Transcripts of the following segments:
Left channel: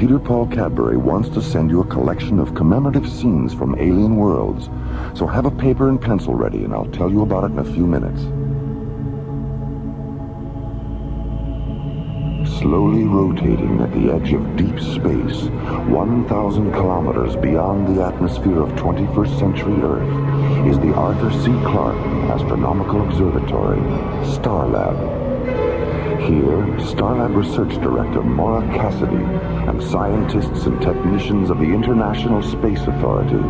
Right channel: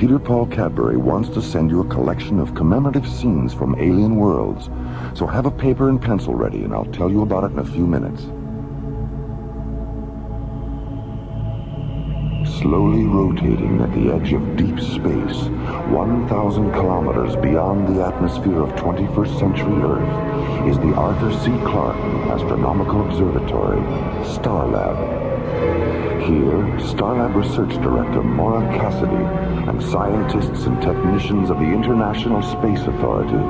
Peter Paul Cadbury wants to send you a collection of commemorative scenes from alien worlds. So have a paper and pencil ready, and I'll tell you about it in a few minutes. Slowly rotating at the edge of deep space, 1,000 kilometers beyond the atmosphere of 21st century Earth, is the Arthur C. Clarke Astronomical Observatory, Starlab. Here, Starlab Research Director Maura Cassidy and scientists and technicians of the International Space Authority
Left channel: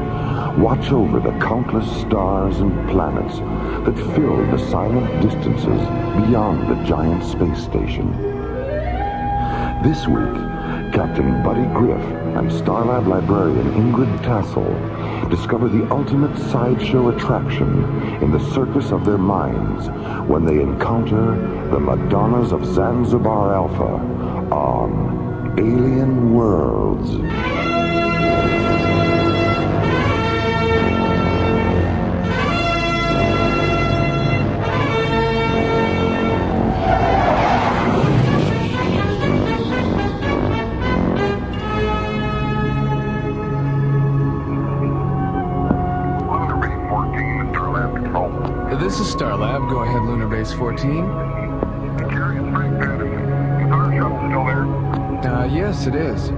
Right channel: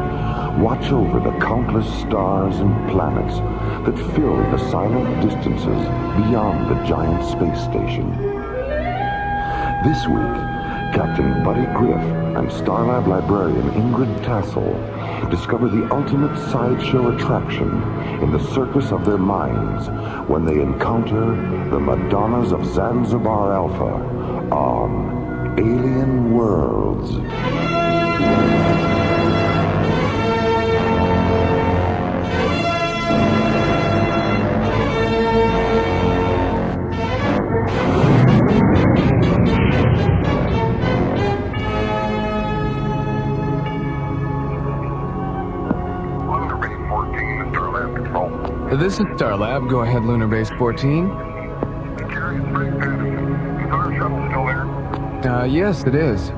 watch over the countless stars and planets that fill the silent distances beyond the giant space station. This week, Captain Buddy Griff and Starlab librarian Ingrid Tassel discover the ultimate sideshow attraction in the circus of their minds when they encounter the Madonnas of Zanzibar Alpha on Alien Worlds. This is Starlab. Go ahead, Lunar Base 14. Jerry, it's Frank Madison. Is our shuttle still there? Yes, it is.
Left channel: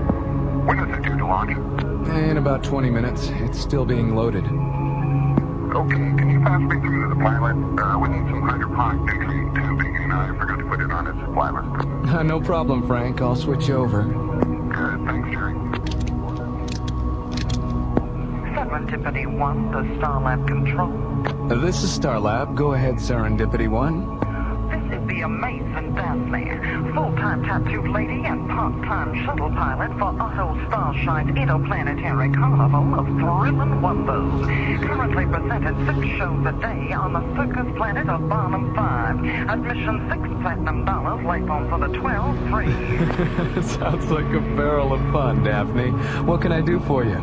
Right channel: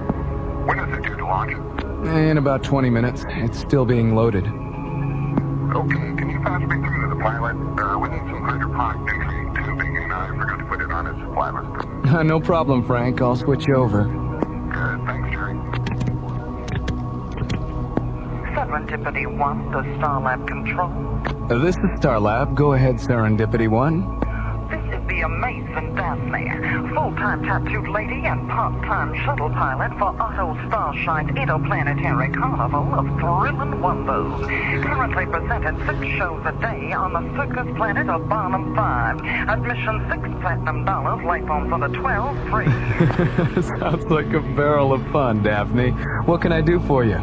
When is it due to launch? In about 20 minutes. It's still being loaded. Okay, can you pass me through to the pilot? We need some hydroponic nutrient tubing, and I forgot to put it on its supply list. No problem, Frank. I'll switch you over. Good, thanks, Jerry. Serendipity 1, the Starlab control. This is Starlab. Go ahead, Serendipity 1. This is the amazing Daphne, full-time tattooed lady and part-time shuttle pilot for Otto Starshine Interplanetary Carnival of Thrilling Wonders. Currently presenting 6 shows a day on the circus planet of Barnum 5. Admission $6 platinum, life on for the 12 free. Sounds like a barrel of fun, Daphne. What can I do for you?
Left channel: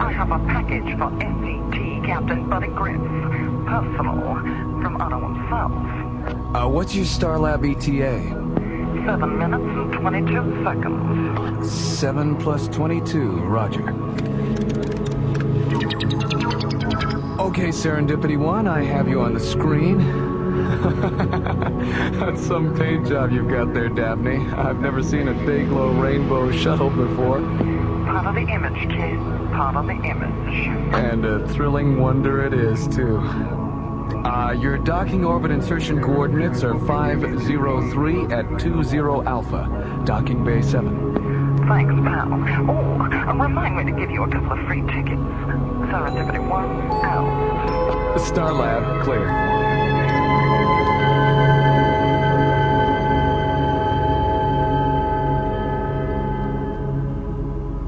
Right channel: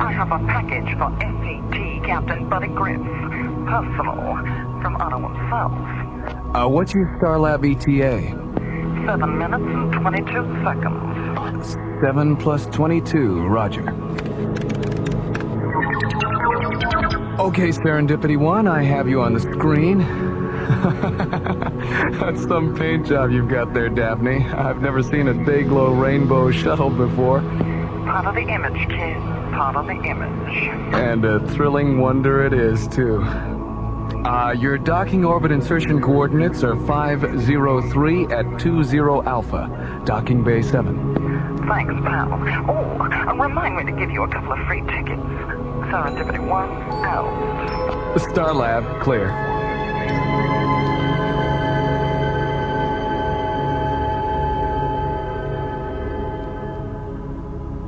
I have a package for SCT Captain Buddy Griff. Personal, from Otto himself. What's your Starlab ETA? 7 minutes and 22 seconds. 7 plus 22, roger. Okay, Serendipity 1, I have you on the screen. That's some paint job you've got there, Daphne. I've never seen a day-glow rainbow shuttle before. Part of the image, kid. Part of the image. And a thrilling wonder it is, too. Your docking orbit insertion coordinates are 503 at 20 Alpha, docking bay 7. Thanks, pal. Oh, remind me to give you a couple of free tickets. Serendipity 1, out. Starlab, clear.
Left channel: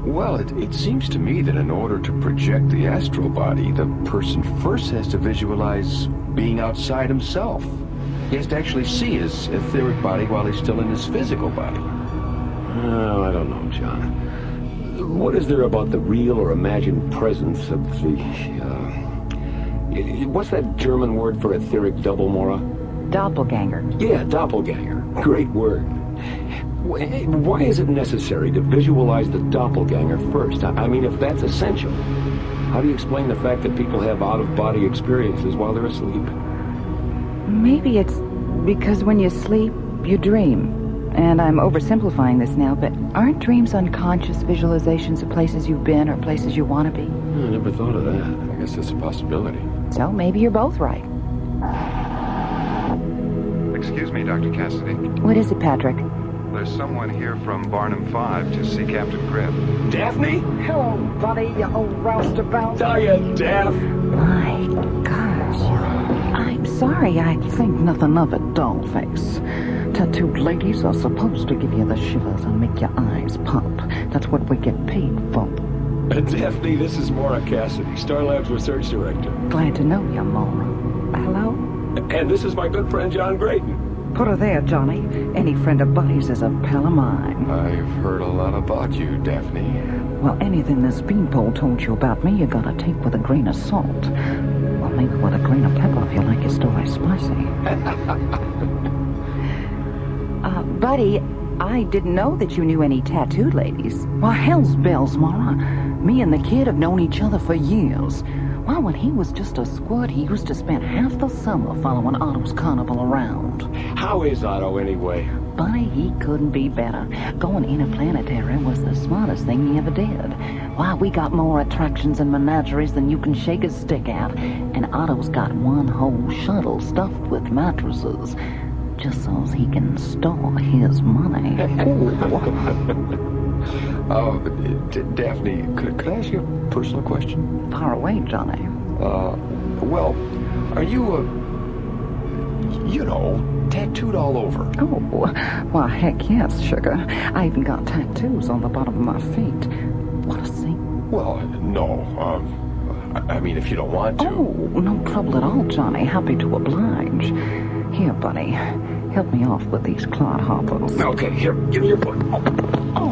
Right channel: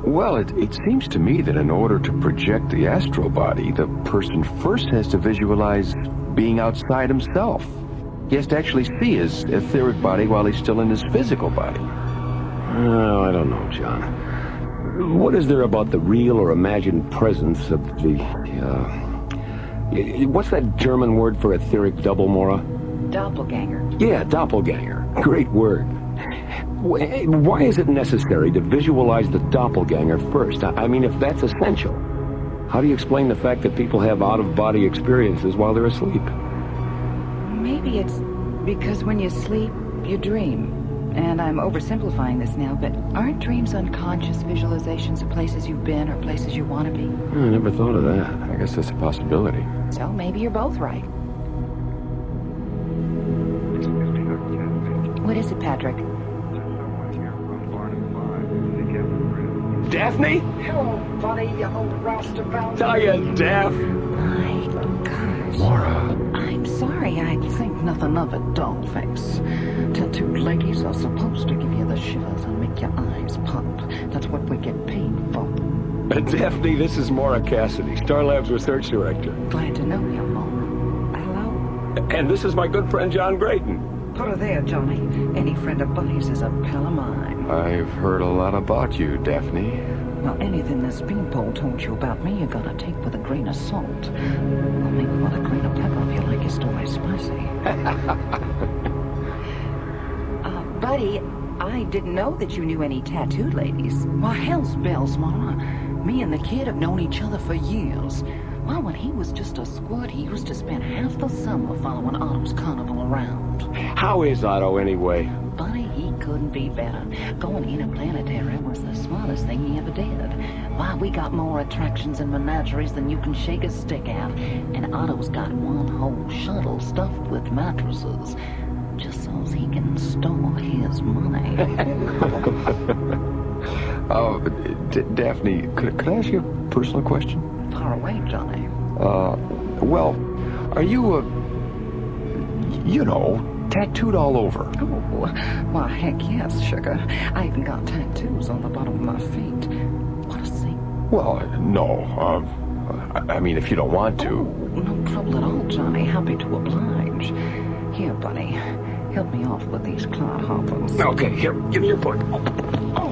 Well, it seems to me that in order to project the astral body, the person first has to visualize being outside himself. He has to actually see his etheric body while he's still in his physical body. Oh, I don't know, John. What is there about the real or imagined presence of the, what's that German word for etheric double, Maura? Doppelganger. Yeah, doppelganger. Great word. Why is it necessary to visualize the doppelganger first? I mean, if that's essential, how do you explain the fact that people have out-of-body experiences while they're asleep? Maybe it's because when you sleep, you dream. And I'm oversimplifying this now, but aren't dreams unconscious visualizations of places you've been or places you want to be? I never thought of that. I guess that's a possibility. So maybe you're both right. Excuse me, Dr. Cassidy. What is it, Patrick? There's someone here from Barnum 5 to see Captain Griff. Daphne? Hello, buddy, you old roustabout. Hiya, Daff. My gosh. Maura. I'm sorry, I think nothing of it, dollface. Tattooed ladies are supposed to give you the shivers and make your eyes pop. That's what we get paid for. Daphne, this is Maura Cassidy, Starlab's research director. Glad to know you, Mom. Hello? And this is my good friend John Graydon. Put her there, Johnny. Any friend of Buddy's is a pal of mine. I've heard a lot about you, Daphne. Well, anything this beanpole told you about me, you gotta take with a grain of salt. Or maybe with a grain of pepper if you like your story spicy. Buddy, I didn't know that you knew any tattooed ladies. Well, hell's bells, Maura. Me and the kid have known each other for years. Well, when he was just a squirt, he used to spend half the summer following Otto's carnival around. How is Otto, anyway? Buddy, he couldn't be better. Going interplanetary was the smartest thing he ever did. Why, we got more attractions and menageries than you can shake a stick at. And Otto's got one whole shuttle stuffed with mattresses. Just so he can store his money. Oh, Daphne, could I ask you a personal question? Far away, Johnny. Well, are you, tattooed all over? Oh, well, heck yes, sugar. I even got tattoos on the bottom of my feet. Want to see? Well, no. I mean, if you don't want to. Oh, no trouble at all, Johnny. Happy to oblige. Here, buddy. Help me off with these cloud hoppers. Okay, here, give me your book. Oh,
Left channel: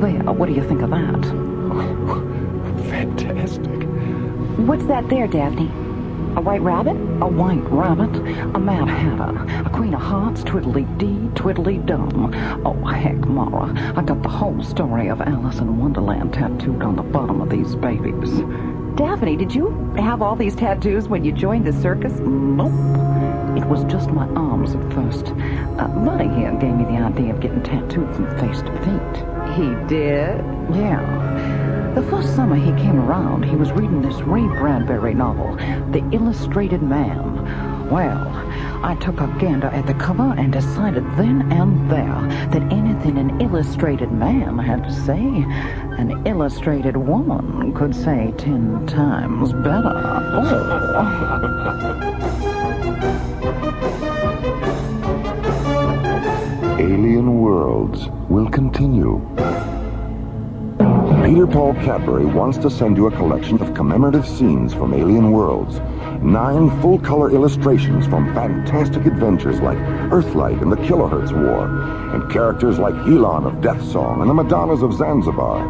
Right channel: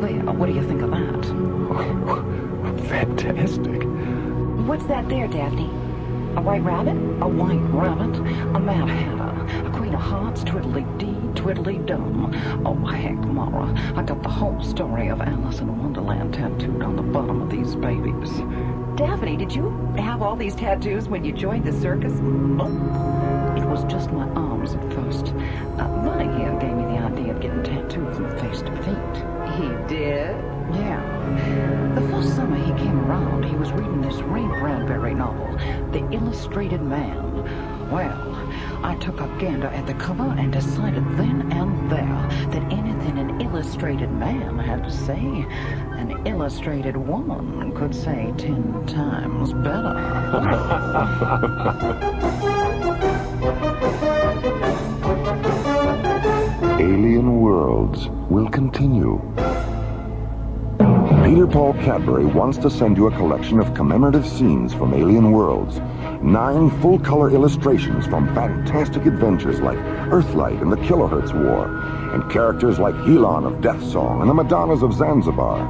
there. What do you think of that? Fantastic. What's that there, Daphne? A white rabbit? A white rabbit. A mad hatter. A queen of hearts, twiddly-dee, twiddly-dum. Oh, heck, Maura. I got the whole story of Alice in Wonderland tattooed on the bottom of these babies. Daphne, did you have all these tattoos when you joined the circus? Nope. It was just my arms at first. Buddy here gave me the idea of getting tattooed from face to feet. He did? Yeah. The first summer he came around, he was reading this Ray Bradbury novel, The Illustrated Man. Well, I took a gander at the cover and decided then and there that anything an illustrated man had to say, an illustrated woman could say 10 times better. Alien Worlds will continue. Peter Paul Cadbury wants to send you a collection of commemorative scenes from Alien Worlds. 9 full-color illustrations from fantastic adventures like Earthlight and the Kilohertz War, and characters like Elon of Death Song and the Madonnas of Zanzibar.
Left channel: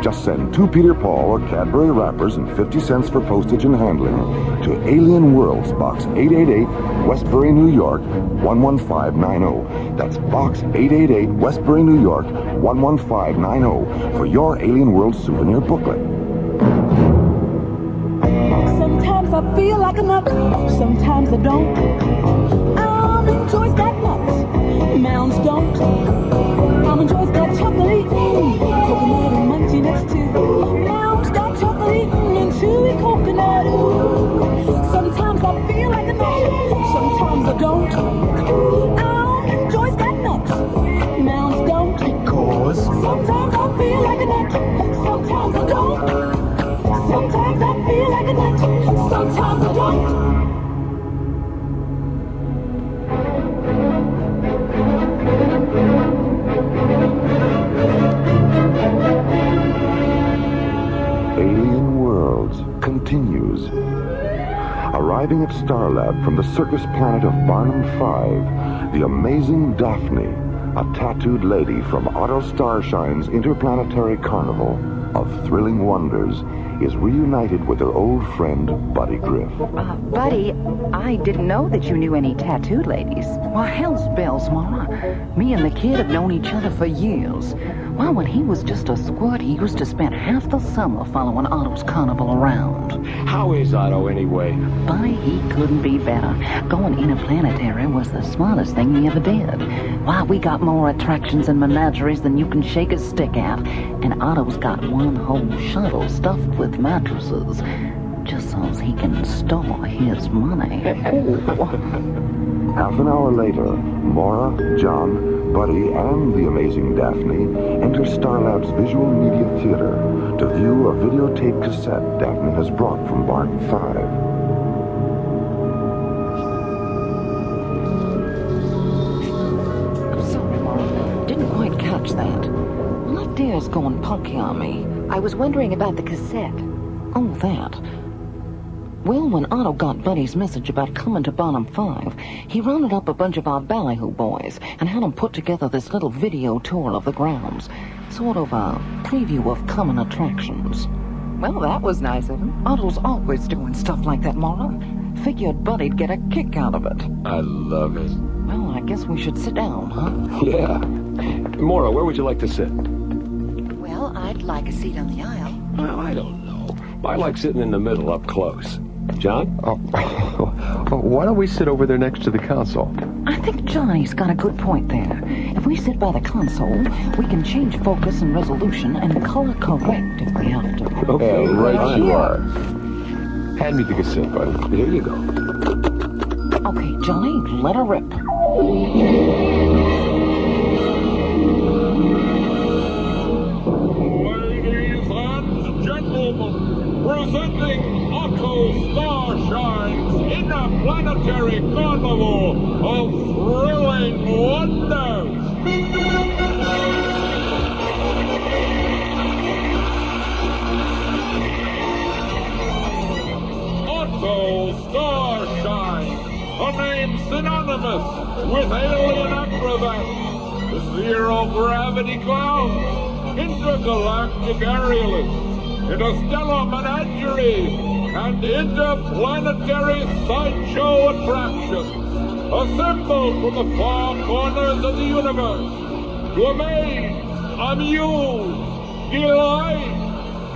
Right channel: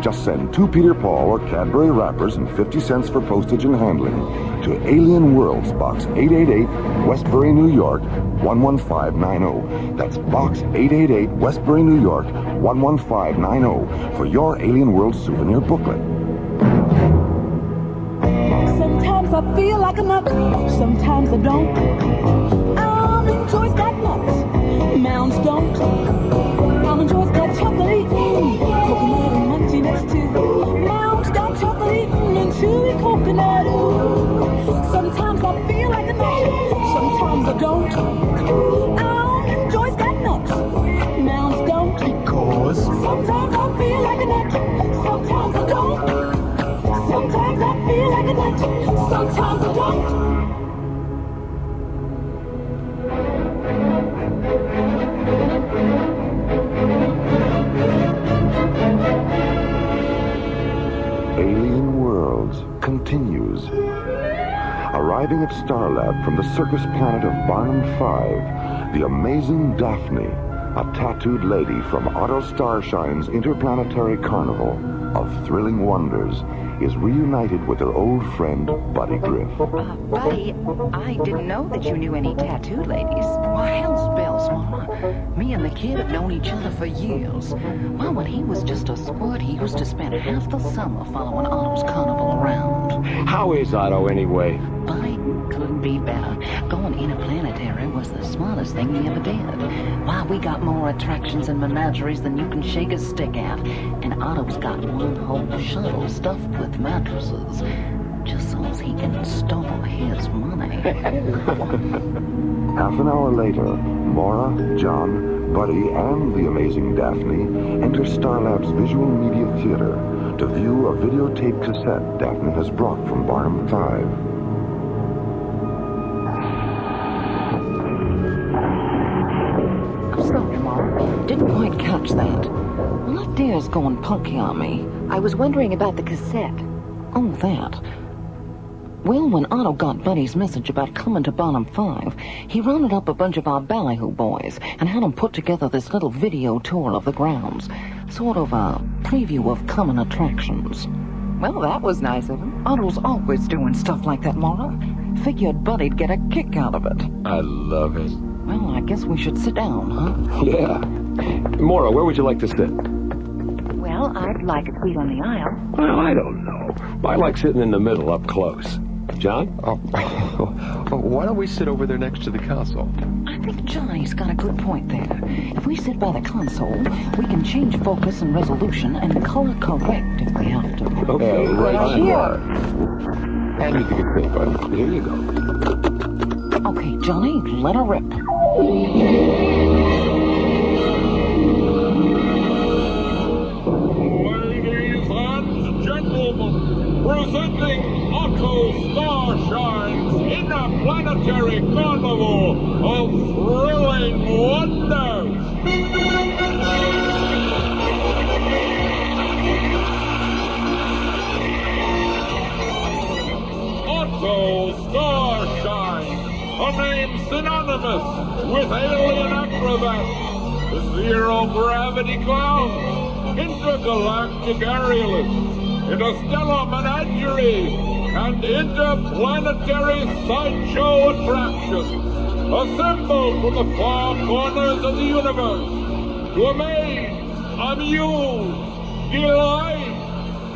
Just send 2 Peter Paul or Cadbury wrappers and 50 cents for postage and handling to Alien Worlds, Box 888, Westbury, New York, 11590. That's Box 888, Westbury, New York, 11590 for your Alien Worlds souvenir booklet. Sometimes I feel like a nut, sometimes I don't. Almond Joy's got nuts, Mounds don't. Almond Joy's got chocolate, coconut and munchy nuts too. Mounds got chocolate and chewy coconut. Sometimes I feel like a nut, sometimes I don't. Almond Joy's got nuts, Mounds don't. Cause sometimes I feel like a nut, sometimes I don't. Sometimes I feel like a nut, sometimes I don't. Alien Worlds continues. Arriving at Starlab from the circus planet of Barnum 5, the amazing Daphne, a tattooed lady from Otto Starshine's interplanetary carnival of thrilling wonders, is reunited with her old friend, Buddy Griff. Buddy, I didn't know that you knew any tattooed ladies. Well, hell's bells, Maura. Me and the kid have known each other for years. Well, when he was just a squirt, he used to spend half the summer following Otto's carnival around. How is Otto, anyway? Buddy, he couldn't be better. Going interplanetary was the smartest thing he ever did. Why, we got more attractions and menageries than you can shake a stick at. And Otto's got one whole shuttle stuffed with mattresses, just so he can store his money. Half an hour later, Maura, John, Buddy, and the amazing Daphne enter Starlab's Visual Media Theater to view a videotape cassette Daphne has brought from Barnum 5. Sorry, Maura. Didn't quite catch that. Left ear's going punky on me. I was wondering about the cassette. Oh, that. Well, when Otto got Buddy's message about coming to Barnum 5, he rounded up a bunch of our ballyhoo boys and had them put together this little video tour of the grounds. Sort of a preview of coming attractions. Well, that was nice of him. Otto's always doing stuff like that, Maura. Figured Buddy'd get a kick out of it. I love it. Well, I guess we should sit down, huh? Yeah. Maura, where would you like to sit? Well, I'd like a seat on the aisle. Well, I don't know. I like sitting in the middle up close. John? Why don't we sit over there next to the console? I think Johnny's got a good point there. If we sit by the console, we can change focus and resolution and color correct if we have to. Okay, right you here. are. Hand me the cassette, buddy. Here you go. Okay, Johnny, let her rip. Ladies and gentlemen, presenting Otto Starshine's Interplanetary Carnival of Thrilling Wonders. Otto Starshine, a name synonymous with alien acrobats, zero-gravity clowns, intergalactic aerialists, interstellar menageries, and interplanetary sideshow attractions, assembled from the far corners of the universe to amaze, amuse, delight,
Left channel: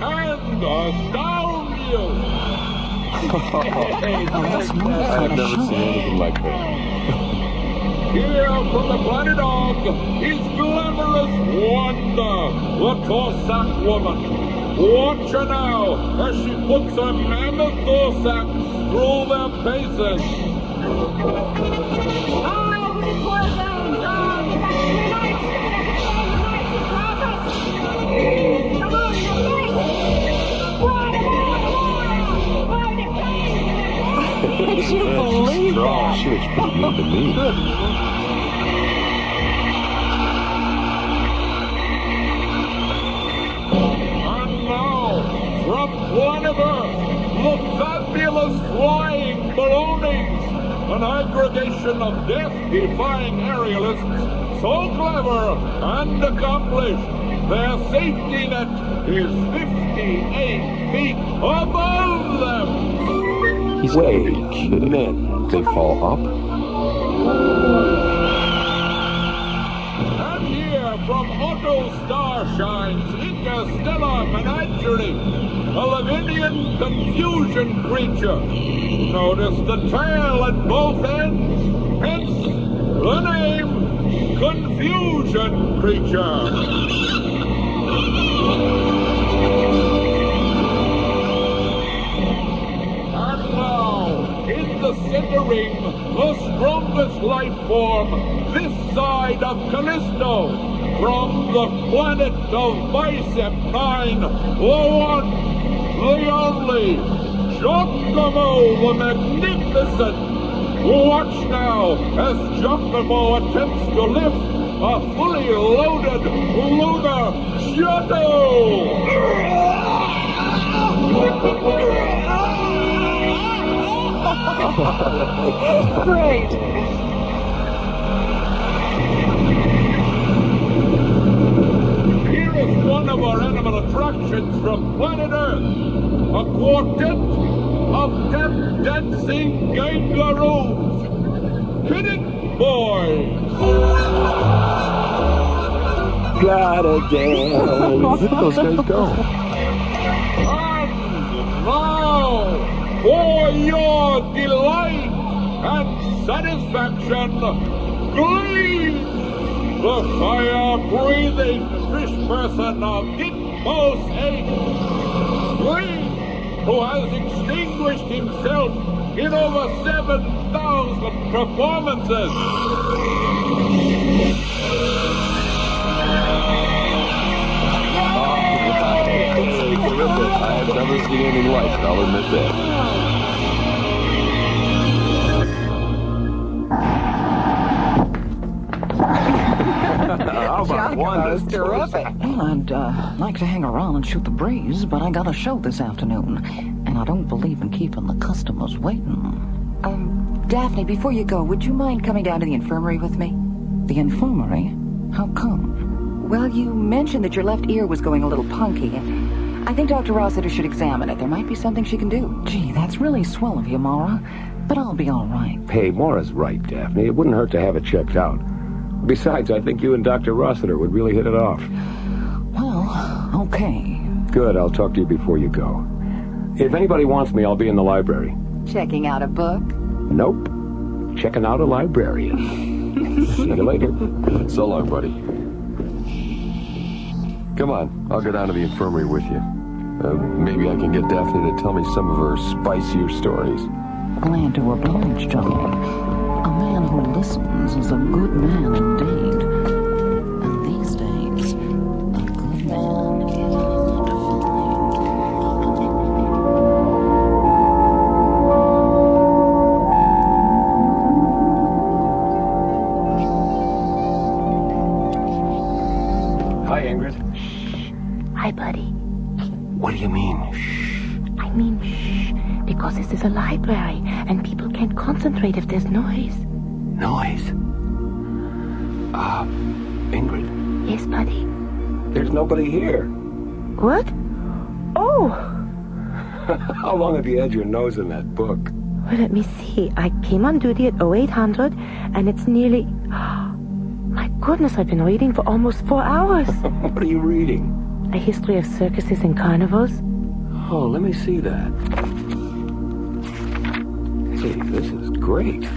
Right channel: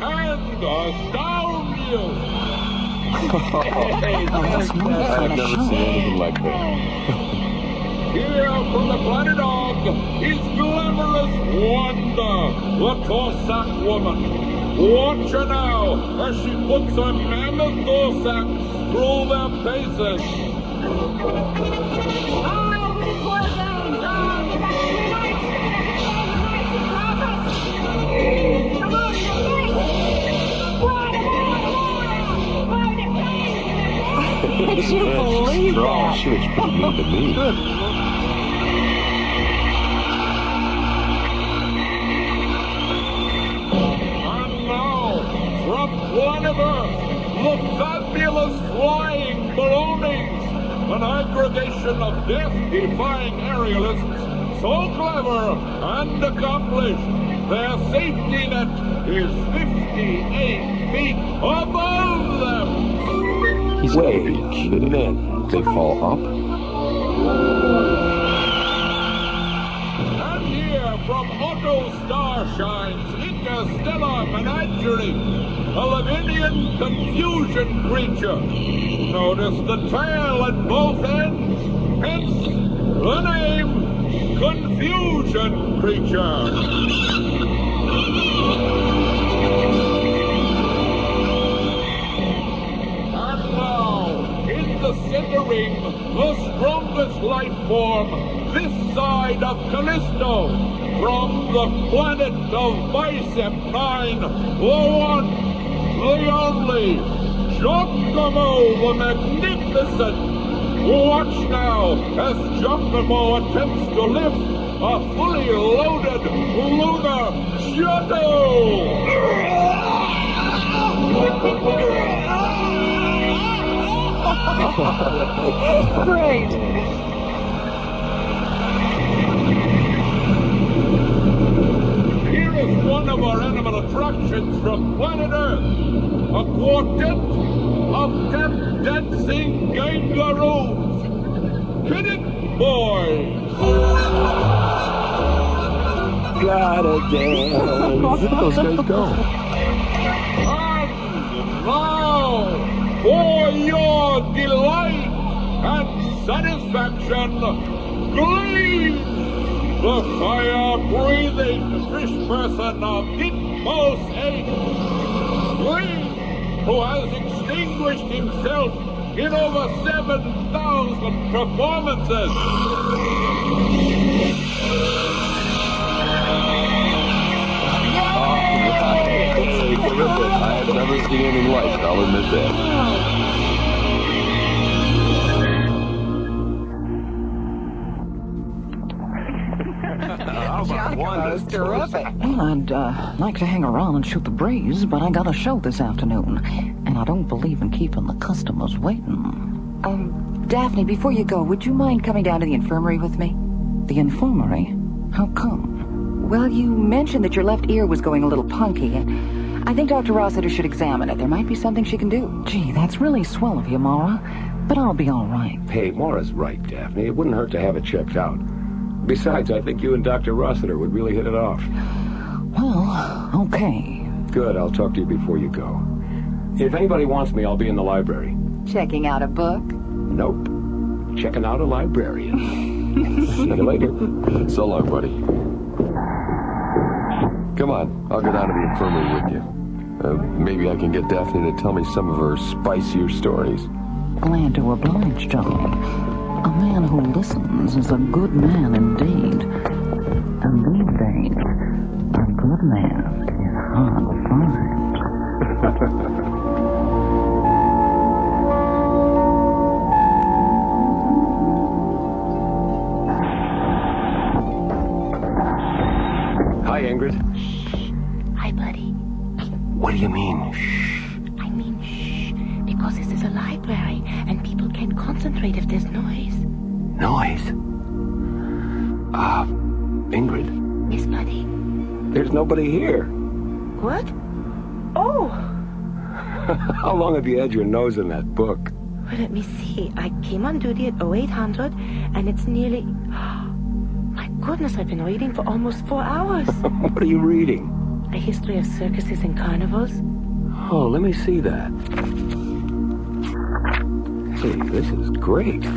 and astound you. I've never seen anything like that. Here from the planet Og is glamorous Wanda, the Cossack woman. Watch her now as she puts her mammoth Cossacks through their paces. Did you believe that? She looks pretty mean to me. And now, from planet Earth, the fabulous flying balloonies, an aggregation of death-defying aerialists, so clever and accomplished, their safety net is 58 feet above them. He's Wait a minute. They fall up? And here from Otto Starshine's interstellar menagerie, a Lavinian confusion creature. Notice the tail at both ends, hence the name Confusion Creature. Centering the strongest life form this side of Callisto, from the planet of Bicep 9, the one, the only, Giacomo the Magnificent. Watch now as Giacomo attempts to lift a fully loaded lunar shuttle. Great. Here is one of our animal attractions from planet Earth. A quartet of tap-dancing kangaroos. Hit it, boys! Gotta dance. Where those guys go? And now, for your delight and satisfaction, Glean, the fire-breathing fish person of Ditmos 8. Glean, who has extinguished himself in over 7,000 performances. I've never seen anything like it, I'll admit that. How about Wanda's terrific. Well, I'd like to hang around and shoot the breeze, but I got a show this afternoon, and I don't believe in keeping the customers waiting. Daphne, before you go, would you mind coming down to the infirmary with me? The infirmary? How come? Well, you mentioned that your left ear was going a little punky, and I think Dr. Rossiter should examine it. There might be something she can do. Gee, that's really swell of you, Maura. but I'll be all right. Hey, Maura's right, Daphne. It wouldn't hurt to have it checked out. Besides, I think you and Dr. Rossiter would really hit it off. Well, okay. Good, I'll talk to you before you go. If anybody wants me, I'll be in the library. Checking out a book? Nope. Checking out a librarian. See you later. So long, buddy. Come on, I'll go down to the infirmary with you. Maybe I can get Daphne to tell me some of her spicier stories. Glad to oblige, Johnny. A man who listens is a good man indeed. And these days, a good man is hard to find. Hi, Ingrid. Shh. Hi, buddy. What do you mean, shh? I mean, shh, because this is a library, and people can't concentrate if there's noise. Noise? Ingrid. Yes, buddy? There's nobody here. What? Oh! How long have you had your nose in that book? Well, let me see. I came on duty at 0800, and it's nearly... My goodness, I've been reading for almost 4 hours. What are you reading? A history of circuses and carnivals. Oh, let me see that. Hey, this is great.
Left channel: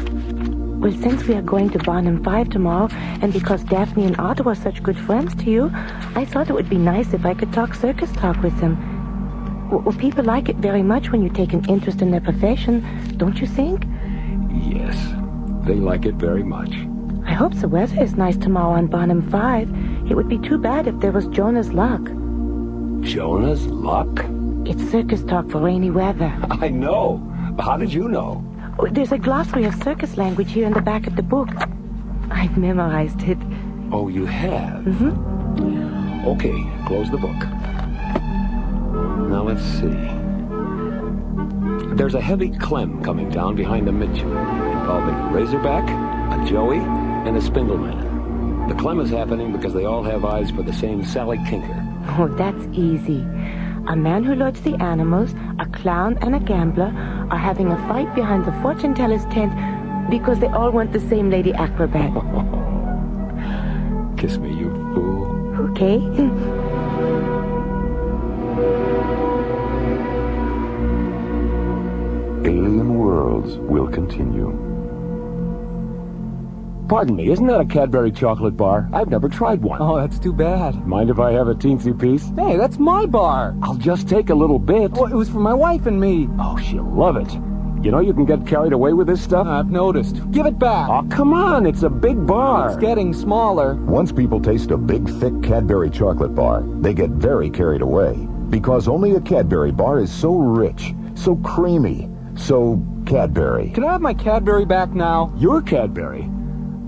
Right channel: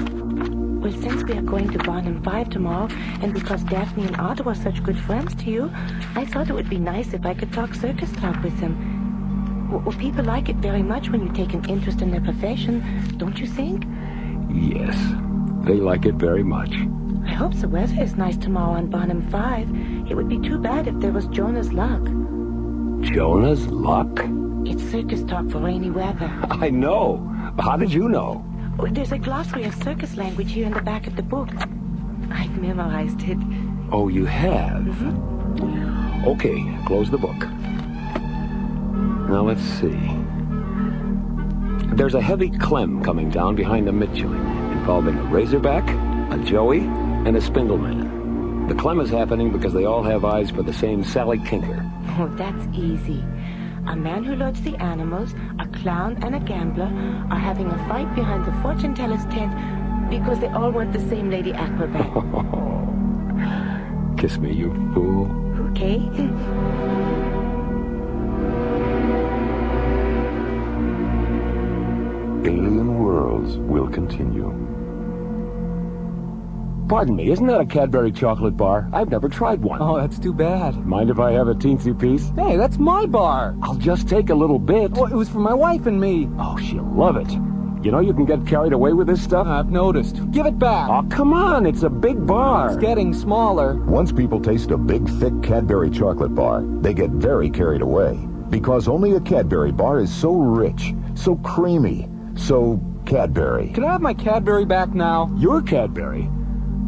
Well, since we are going to Barnum 5 tomorrow, and because Daphne and Otto are such good friends to you, I thought it would be nice if I could talk circus talk with them. Well, people like it very much when you take an interest in their profession, don't you think? Yes, they like it very much. I hope the weather is nice tomorrow on Barnum 5. It would be too bad if there was Jonah's luck. Jonah's luck? It's circus talk for rainy weather. I know. How did you know? There's a glossary of circus language here in the back of the book. I've memorized it. Oh, you have? Mm-hmm. Okay, close the book. Now, let's see. There's a heavy clem coming down behind a Mitchell, involving a razorback, a joey, and a spindleman. The clem is happening because they all have eyes for the same Sally Tinker. Oh, that's easy. A man who loads the animals, a clown, and a gambler are having a fight behind the fortune teller's tent because they all want the same lady acrobat. Kiss me, you fool. Okay. Alien Worlds will continue. Pardon me, isn't that a Cadbury chocolate bar? I've never tried one. Oh, that's too bad. Mind if I have a teensy piece? Hey, that's my bar. I'll just take a little bit. Well, it was for my wife and me. Oh, she'll love it. You know you can get carried away with this stuff? I've noticed. Give it back. Oh, come on, it's a big bar. It's getting smaller. Once people taste a big, thick Cadbury chocolate bar, they get very carried away. Because only a Cadbury bar is so rich, so creamy, so Cadbury. Can I have my Cadbury back now? Your Cadbury?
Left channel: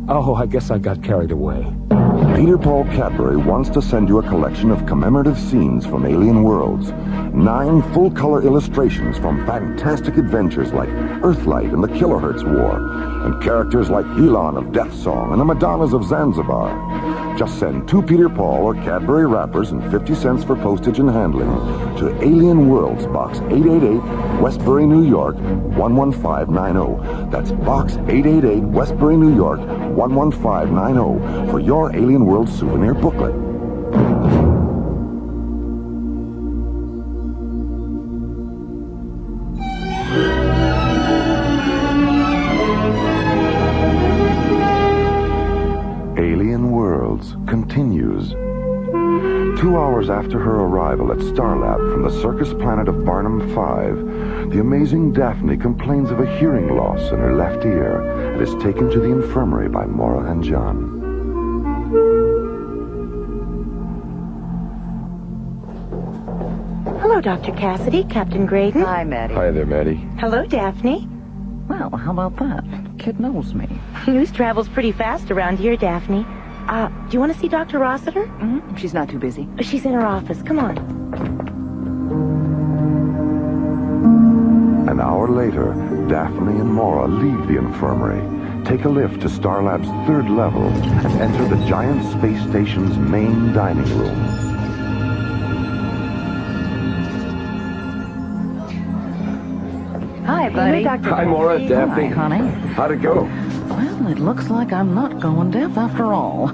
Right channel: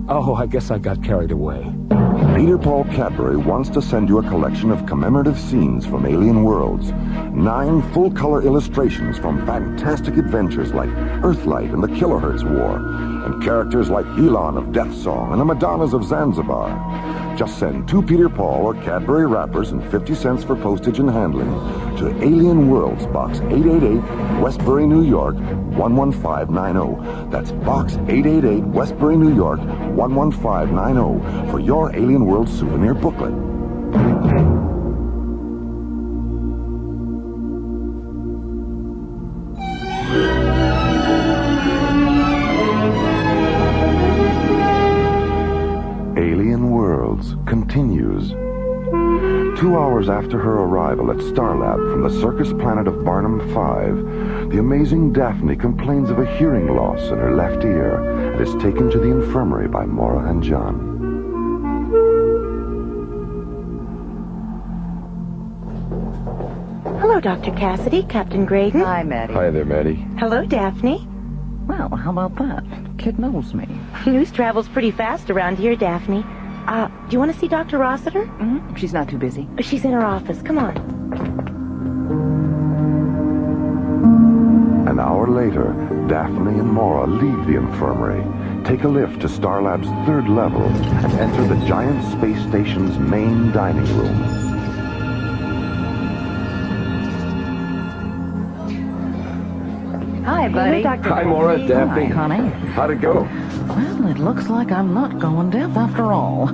Oh, I guess I got carried away. Peter Paul Cadbury wants to send you a collection of commemorative scenes from Alien Worlds. 9 full-color illustrations from fantastic adventures like Earthlight and the Kilohertz War, and characters like Elon of Death Song and the Madonnas of Zanzibar. Just send 2 Peter Paul or Cadbury wrappers and 50 cents for postage and handling to Alien Worlds, Box 888, Westbury, New York, 11590. That's Box 888, Westbury, New York, 11590 for your Alien Worlds souvenir booklet. Alien Worlds continues. 2 hours after her arrival at Starlab from the circus planet of Barnum 5, the amazing Daphne complains of a hearing loss in her left ear and is taken to the infirmary by Maura and John. Hello, Dr. Cassidy, Captain Graydon. Hi, Maddie. Hi there, Maddie. Hello, Daphne. Well, how about that? Kid knows me. News travels pretty fast around here, Daphne. Do you want to see Dr. Rossiter? Mm-hmm. She's not too busy. She's in her office. Come on. An hour later, Daphne and Maura leave the infirmary, take a lift to Starlab's 3rd level, and enter the giant space station's main dining room. Hi, Buddy. Hi, Maura, Daphne. Hi, honey. How'd it go? Well, it looks like I'm not going deaf after all.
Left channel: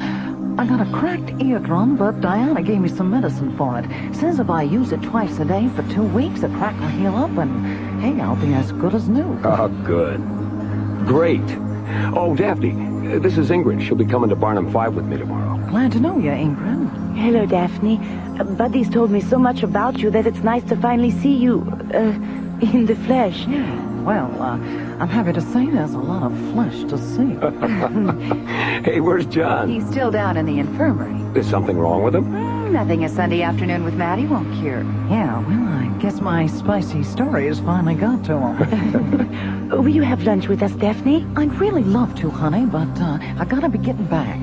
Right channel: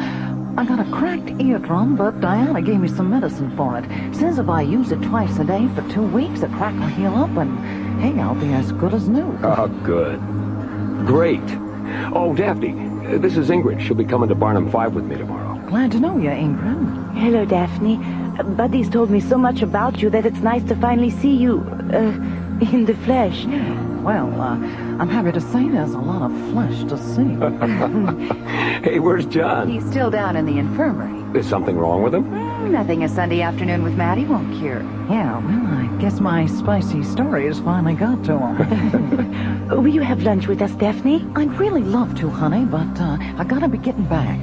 I got a cracked eardrum, but Diana gave me some medicine for it. Says if I use it twice a day for 2 weeks, the crack will heal up, and hey, I'll be as good as new. Oh, good. Great. Oh, Daphne, this is Ingrid. She'll be coming to Barnum 5 with me tomorrow. Glad to know you, Ingrid. Hello, Daphne. Buddy's told me so much about you that it's nice to finally see you, in the flesh. Yeah, well, I'm happy to say there's a lot of flesh to see. Hey, where's John? He's still down in the infirmary. Is something wrong with him? Nothing a Sunday afternoon with Maddie won't cure. Yeah, well, I guess my spicy story has finally got to him. Will you have lunch with us, Daphne? I'd really love to, honey, but I gotta be getting back.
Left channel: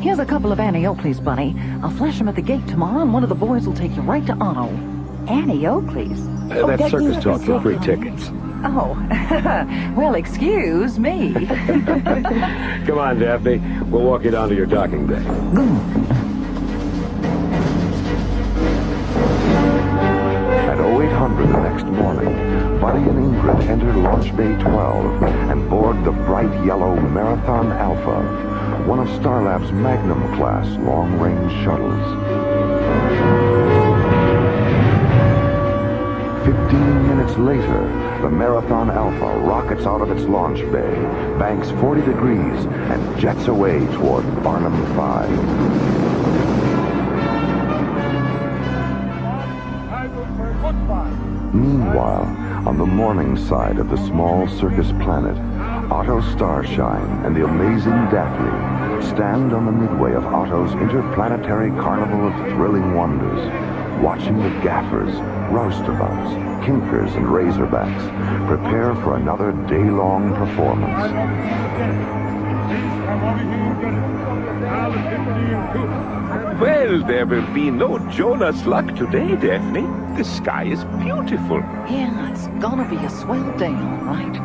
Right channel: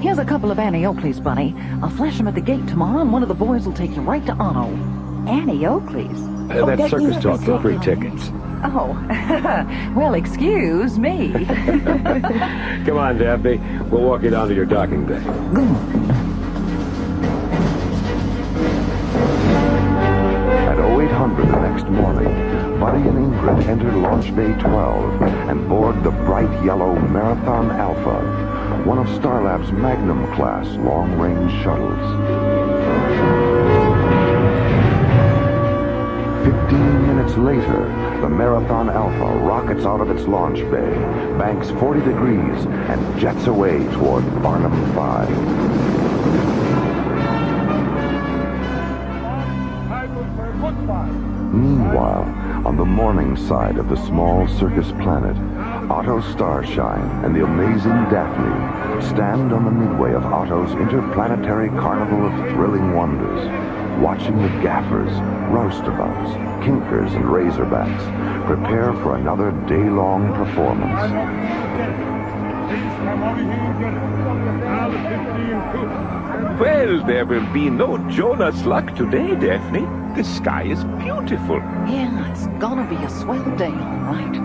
Here's a couple of Annie Oakley's, Bunny. I'll flash them at the gate tomorrow, and one of the boys will take you right to Otto. Annie Oakley's? That's circus talk for free tickets. Oh, well, excuse me. Come on, Daphne. We'll walk you down to your docking bay. At 0800 the next morning, Buddy and Ingrid entered Launch Bay 12 and board the bright yellow Marathon Alpha, one of Starlab's Magnum-class long-range shuttles. 15 minutes later, the Marathon Alpha rockets out of its launch bay, banks 40 degrees, and jets away toward Barnum 5. Meanwhile, on the morning side of the small circus planet, Otto Starshine and the amazing Daphne stand on the midway of Otto's interplanetary carnival of thrilling wonders, watching the gaffers, roustabouts, kinkers, and razorbacks prepare for another day-long performance. Well, there will be no Jonas luck today, Daphne. The sky is beautiful. Yeah, it's gonna be a swell day, all right.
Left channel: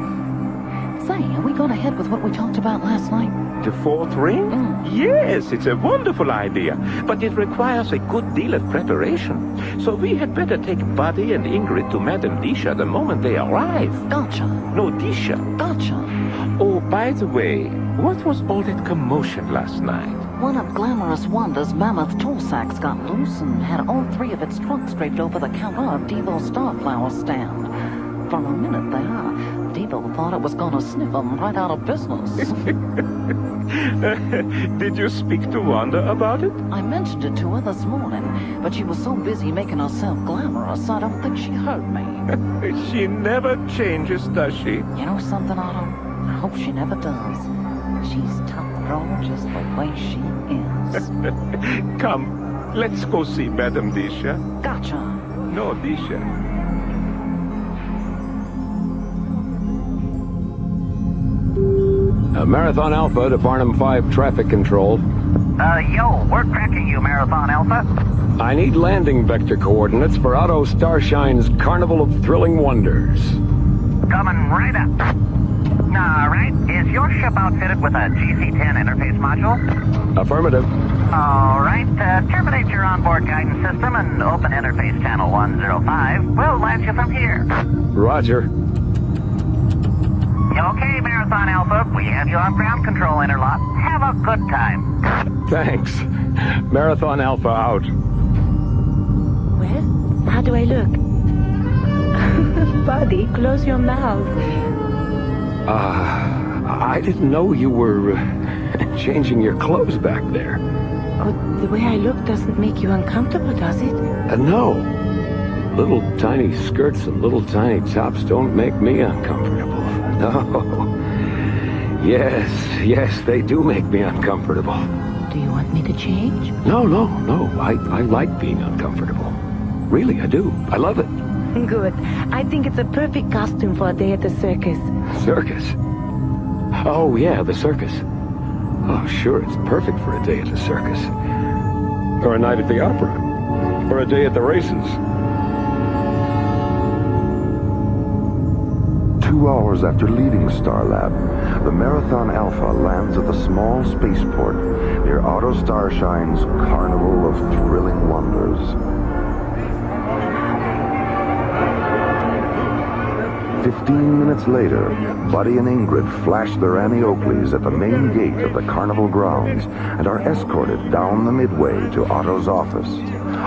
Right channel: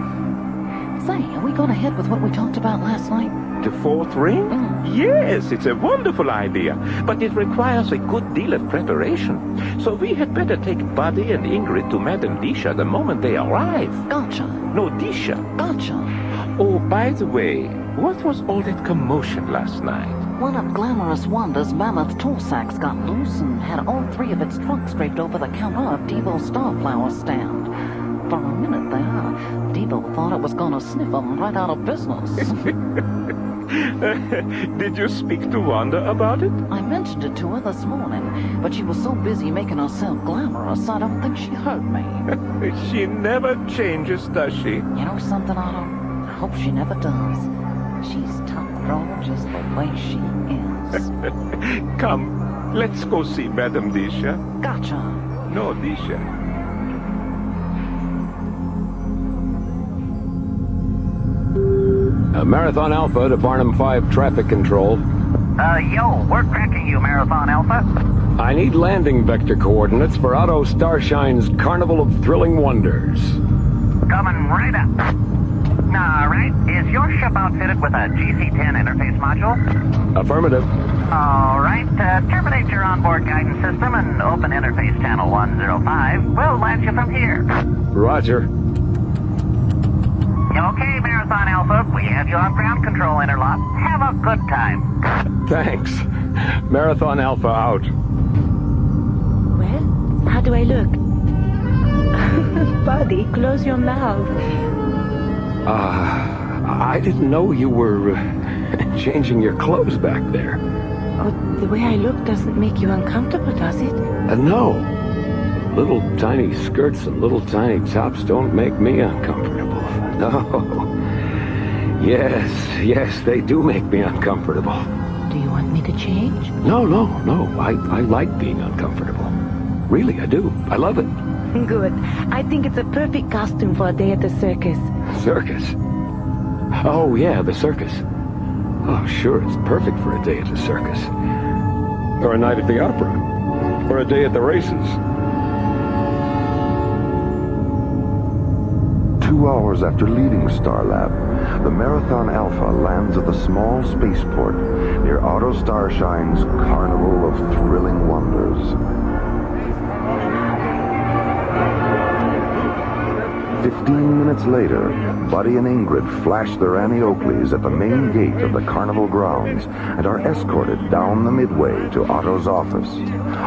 Say, are we gonna head with what we talked about last night? The fourth ring? Yes, it's a wonderful idea, but it requires a good deal of preparation. So we had better take Buddy and Ingrid to Madame Disha the moment they arrive. Gotcha. No, Disha. Gotcha. Oh, by the way, what was all that commotion last night? One of Glamorous Wanda's mammoth tool sacks got loose and had all 3 of its trunks draped over the counter of Devo's Starflower stand. For a minute there, Devo thought it was gonna sniff them right out of business. Did you speak to Wanda about it? I mentioned it to her this morning, but she was so busy making herself glamorous, I don't think she heard me. She never changes, does she? You know something, Otto? I hope she never does. She's tough though, just the way she is. Come, let's go see Madame Disha. Gotcha. No, Disha. Marathon Alpha to Barnum 5 traffic control. Yo, we're tracking you, Marathon Alpha. I need landing vector coordinates for Otto Starshine's Carnival of Thrilling Wonders. Coming right up. All right, is your ship outfitted with a GC-10 interface module? Affirmative. All right, terminate your onboard guidance system and open interface channel 105. We'll launch you from here. Roger. Okay, Marathon Alpha, we have you on ground control interlock. Have a good time. Thanks. Marathon Alpha out. Well, how do I look? Buddy, close your mouth. I didn't know you were changing your clothes back there. Oh, the way I look doesn't make you uncomfortable, does it? No. Little tiny skirts and little tiny tops don't make me uncomfortable. No. Yes, they do make me uncomfortable. Do you want me to change? No. I like being uncomfortable. Really, I do. I love it. Good. I think it's a perfect costume for a day at the circus. Circus? Oh, yeah, the circus. Oh, sure, it's perfect for a day at the circus. Or a night at the opera. Or a day at the races. 2 hours after leaving Starlab, the Marathon Alpha lands at the small spaceport near Otto Starshine's Carnival of Thrilling Wonders. 15 minutes later, Buddy and Ingrid flash their Annie Oakleys at the main gate of the carnival grounds and are escorted down the midway to Otto's office.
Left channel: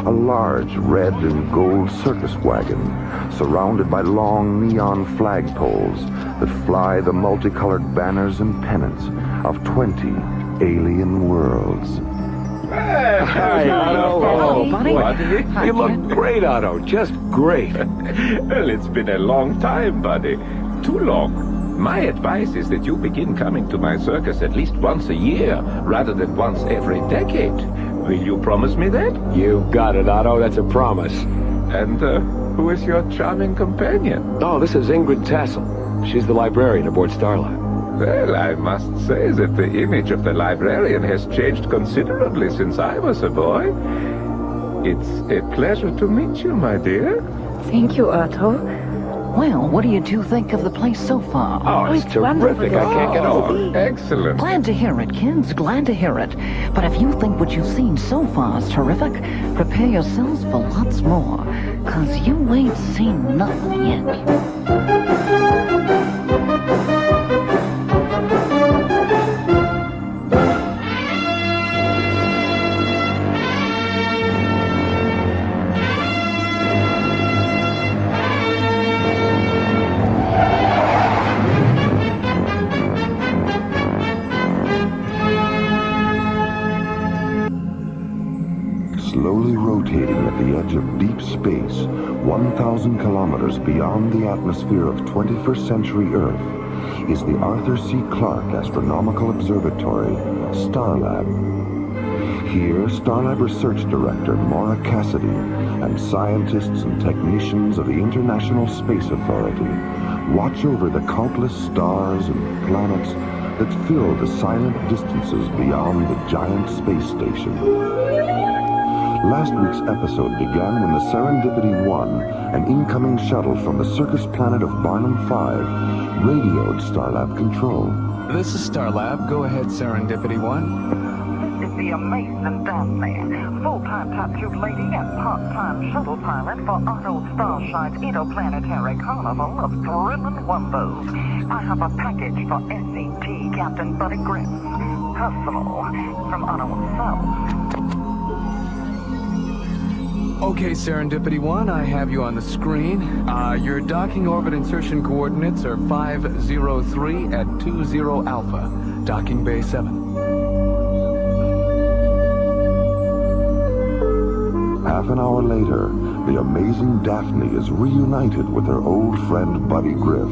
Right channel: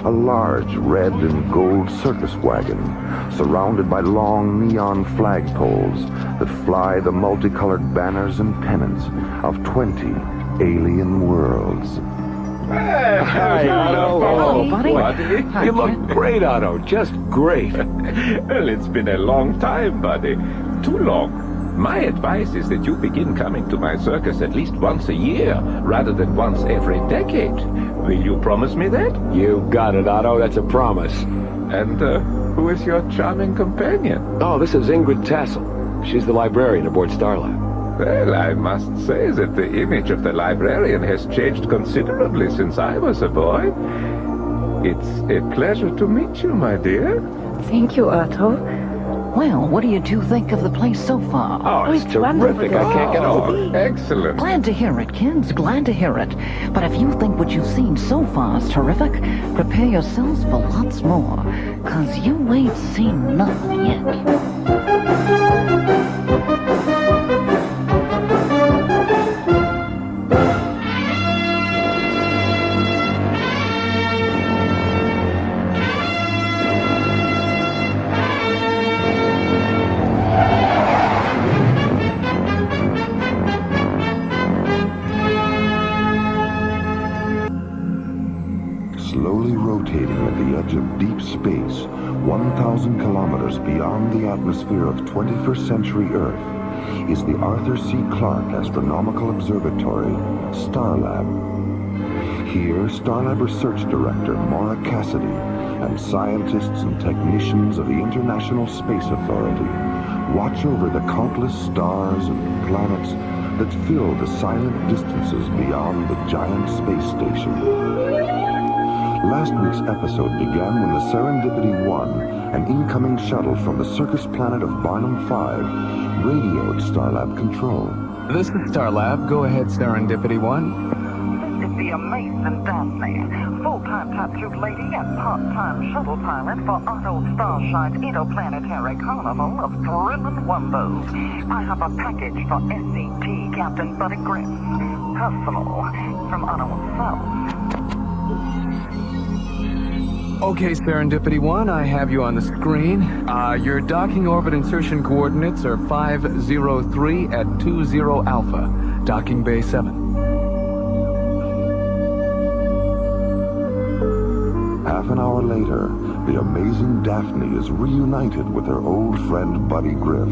A large red and gold circus wagon surrounded by long neon flagpoles that fly the multicolored banners and pennants of 20 alien worlds. Hey, Otto. Buddy. You look great, Otto. Just great. Well, it's been a long time, buddy. Too long. My advice is that you begin coming to my circus at least once a year, rather than once every decade. Will you promise me that? You got it, Otto. That's a promise. And, who is your charming companion? Oh, this is Ingrid Tassel. She's the librarian aboard Starlab. Well, I must say that the image of the librarian has changed considerably since I was a boy. It's a pleasure to meet you, my dear. Thank you, Otto. Well, what do you two think of the place so far? Oh, it's terrific. I can't get over it. Excellent. Glad to hear it, kids. Glad to hear it. But if you think what you've seen so far is terrific, prepare yourselves for lots more. 'Cause you ain't seen nothing yet. Slowly rotating at the edge of deep space, 1,000 kilometers beyond the atmosphere of 21st century Earth, is the Arthur C. Clarke Astronomical Observatory, Starlab. Here, Starlab Research Director Maura Cassidy and scientists and technicians of the International Space Authority watch over the countless stars and planets that fill the silent distances beyond the giant space station. Last week's episode began when the Serendipity 1, an incoming shuttle from the circus planet of Barnum 5, radioed Starlab Control. This is Starlab. Go ahead, Serendipity 1. This is the amazing Daphne, full-time tattooed lady and part-time shuttle pilot for Otto Starshine's interplanetary carnival of thrilling wonders. I have a package for SAT Captain Buddy Griff. Personal, from Otto himself. Okay, Serendipity 1, I have you on the screen. Your docking orbit insertion coordinates are 503 at 20 Alpha, docking bay 7. Half an hour later, the amazing Daphne is reunited with her old friend Buddy Griff,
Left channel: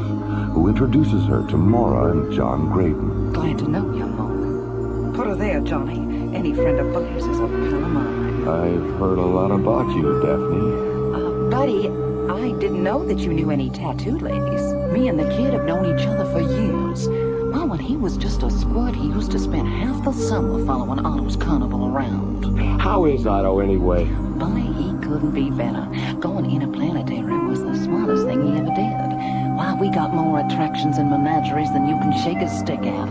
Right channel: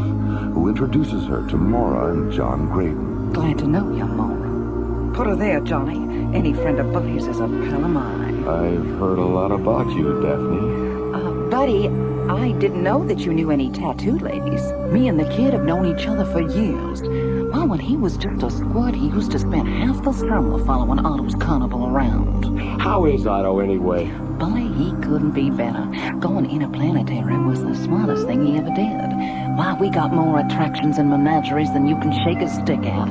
who introduces her to Maura and John Graydon. Glad to know you, Maura. Put her there, Johnny. Any friend of Buddy's is a pal of mine. I've heard a lot about you, Daphne. Buddy, I didn't know that you knew any tattooed ladies. Me and the kid have known each other for years. Well, when he was just a squirt, he used to spend half the summer following Otto's carnival around. How is Otto, anyway? Buddy, he couldn't be better. Going interplanetary was the smartest thing he ever did. Why, we got more attractions and menageries than you can shake a stick at.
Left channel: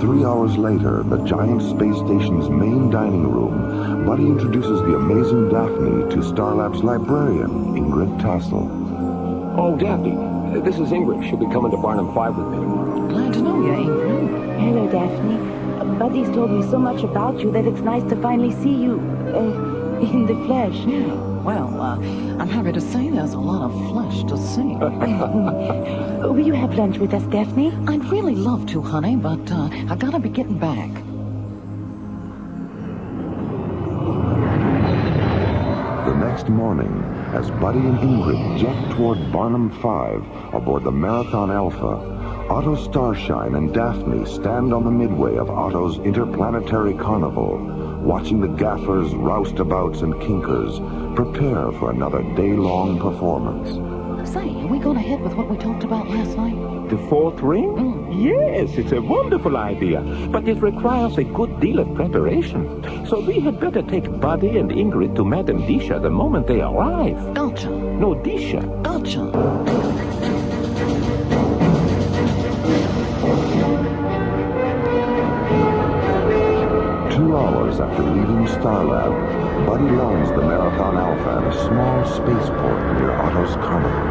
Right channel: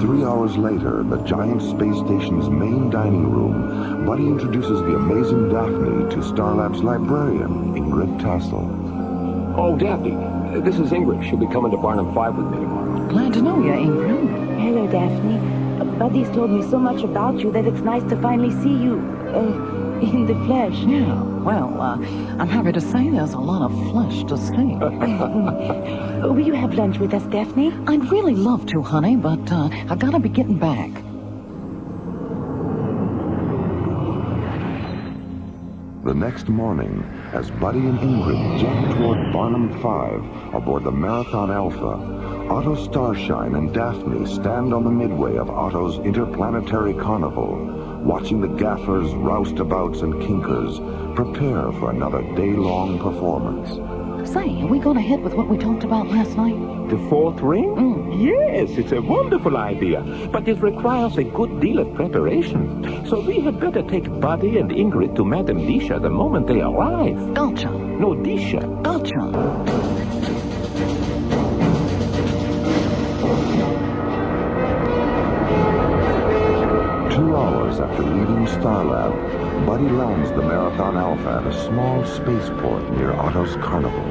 3 hours later, the giant space station's main dining room, Buddy introduces the amazing Daphne to Starlab's librarian, Ingrid Tassel. Oh, Daphne, this is Ingrid. She'll be coming to Barnum 5 with me tomorrow. Glad to know you, Ingrid. Hello, Daphne. Buddy's told me so much about you that it's nice to finally see you, in the flesh. Yeah, well, I'm happy to say there's a lot of flesh to see. Will you have lunch with us, Daphne? I'd really love to, honey, but I gotta be getting back. The next morning, as Buddy and Ingrid jet toward Barnum 5 aboard the Marathon Alpha, Otto Starshine and Daphne stand on the midway of Otto's interplanetary carnival, watching the gaffers, roustabouts, and kinkers prepare for another day-long performance. Say, are we going ahead with what we talked about last night? The fourth ring? Yes, it's a wonderful idea, but it requires a good deal of preparation. So we had better take Buddy and Ingrid to Madame Disha the moment they arrive. Gotcha. No, Disha. Gotcha. 2 hours after leaving Starlab, Buddy lands the Marathon Alpha at a small spaceport near Otto's Carnival.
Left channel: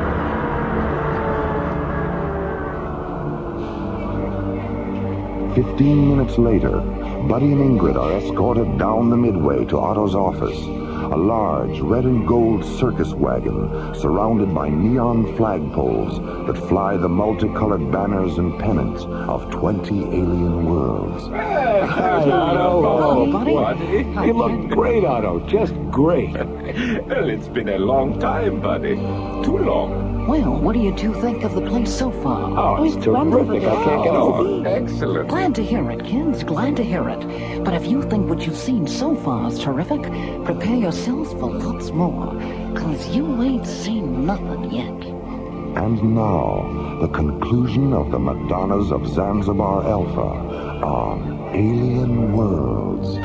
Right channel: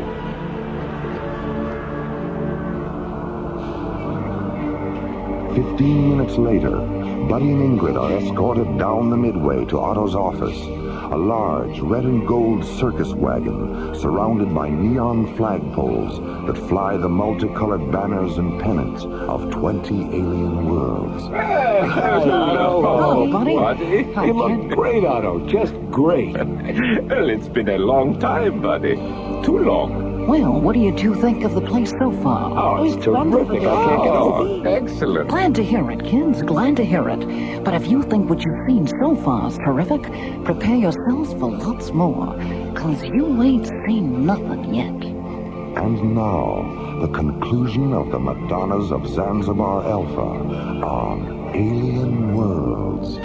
"15 minutes later, Buddy and Ingrid are escorted down the midway to Otto's office, a large red and gold circus wagon surrounded by neon flagpoles that fly the multicolored banners and pennants of 20 alien worlds. Hello, buddy. You look great, Otto. Just great. Well, it's been a long time, buddy. Too long. Well, what do you two think of the place so far? Oh, it's terrific. I can't get over. Excellent. Glad to hear it, kids. Glad to hear it. But if you think what you've seen so far is terrific, prepare yourselves for lots more, 'cause you ain't seen nothing yet. And now, the conclusion of the Madonnas of Zanzibar Alpha on Alien Worlds.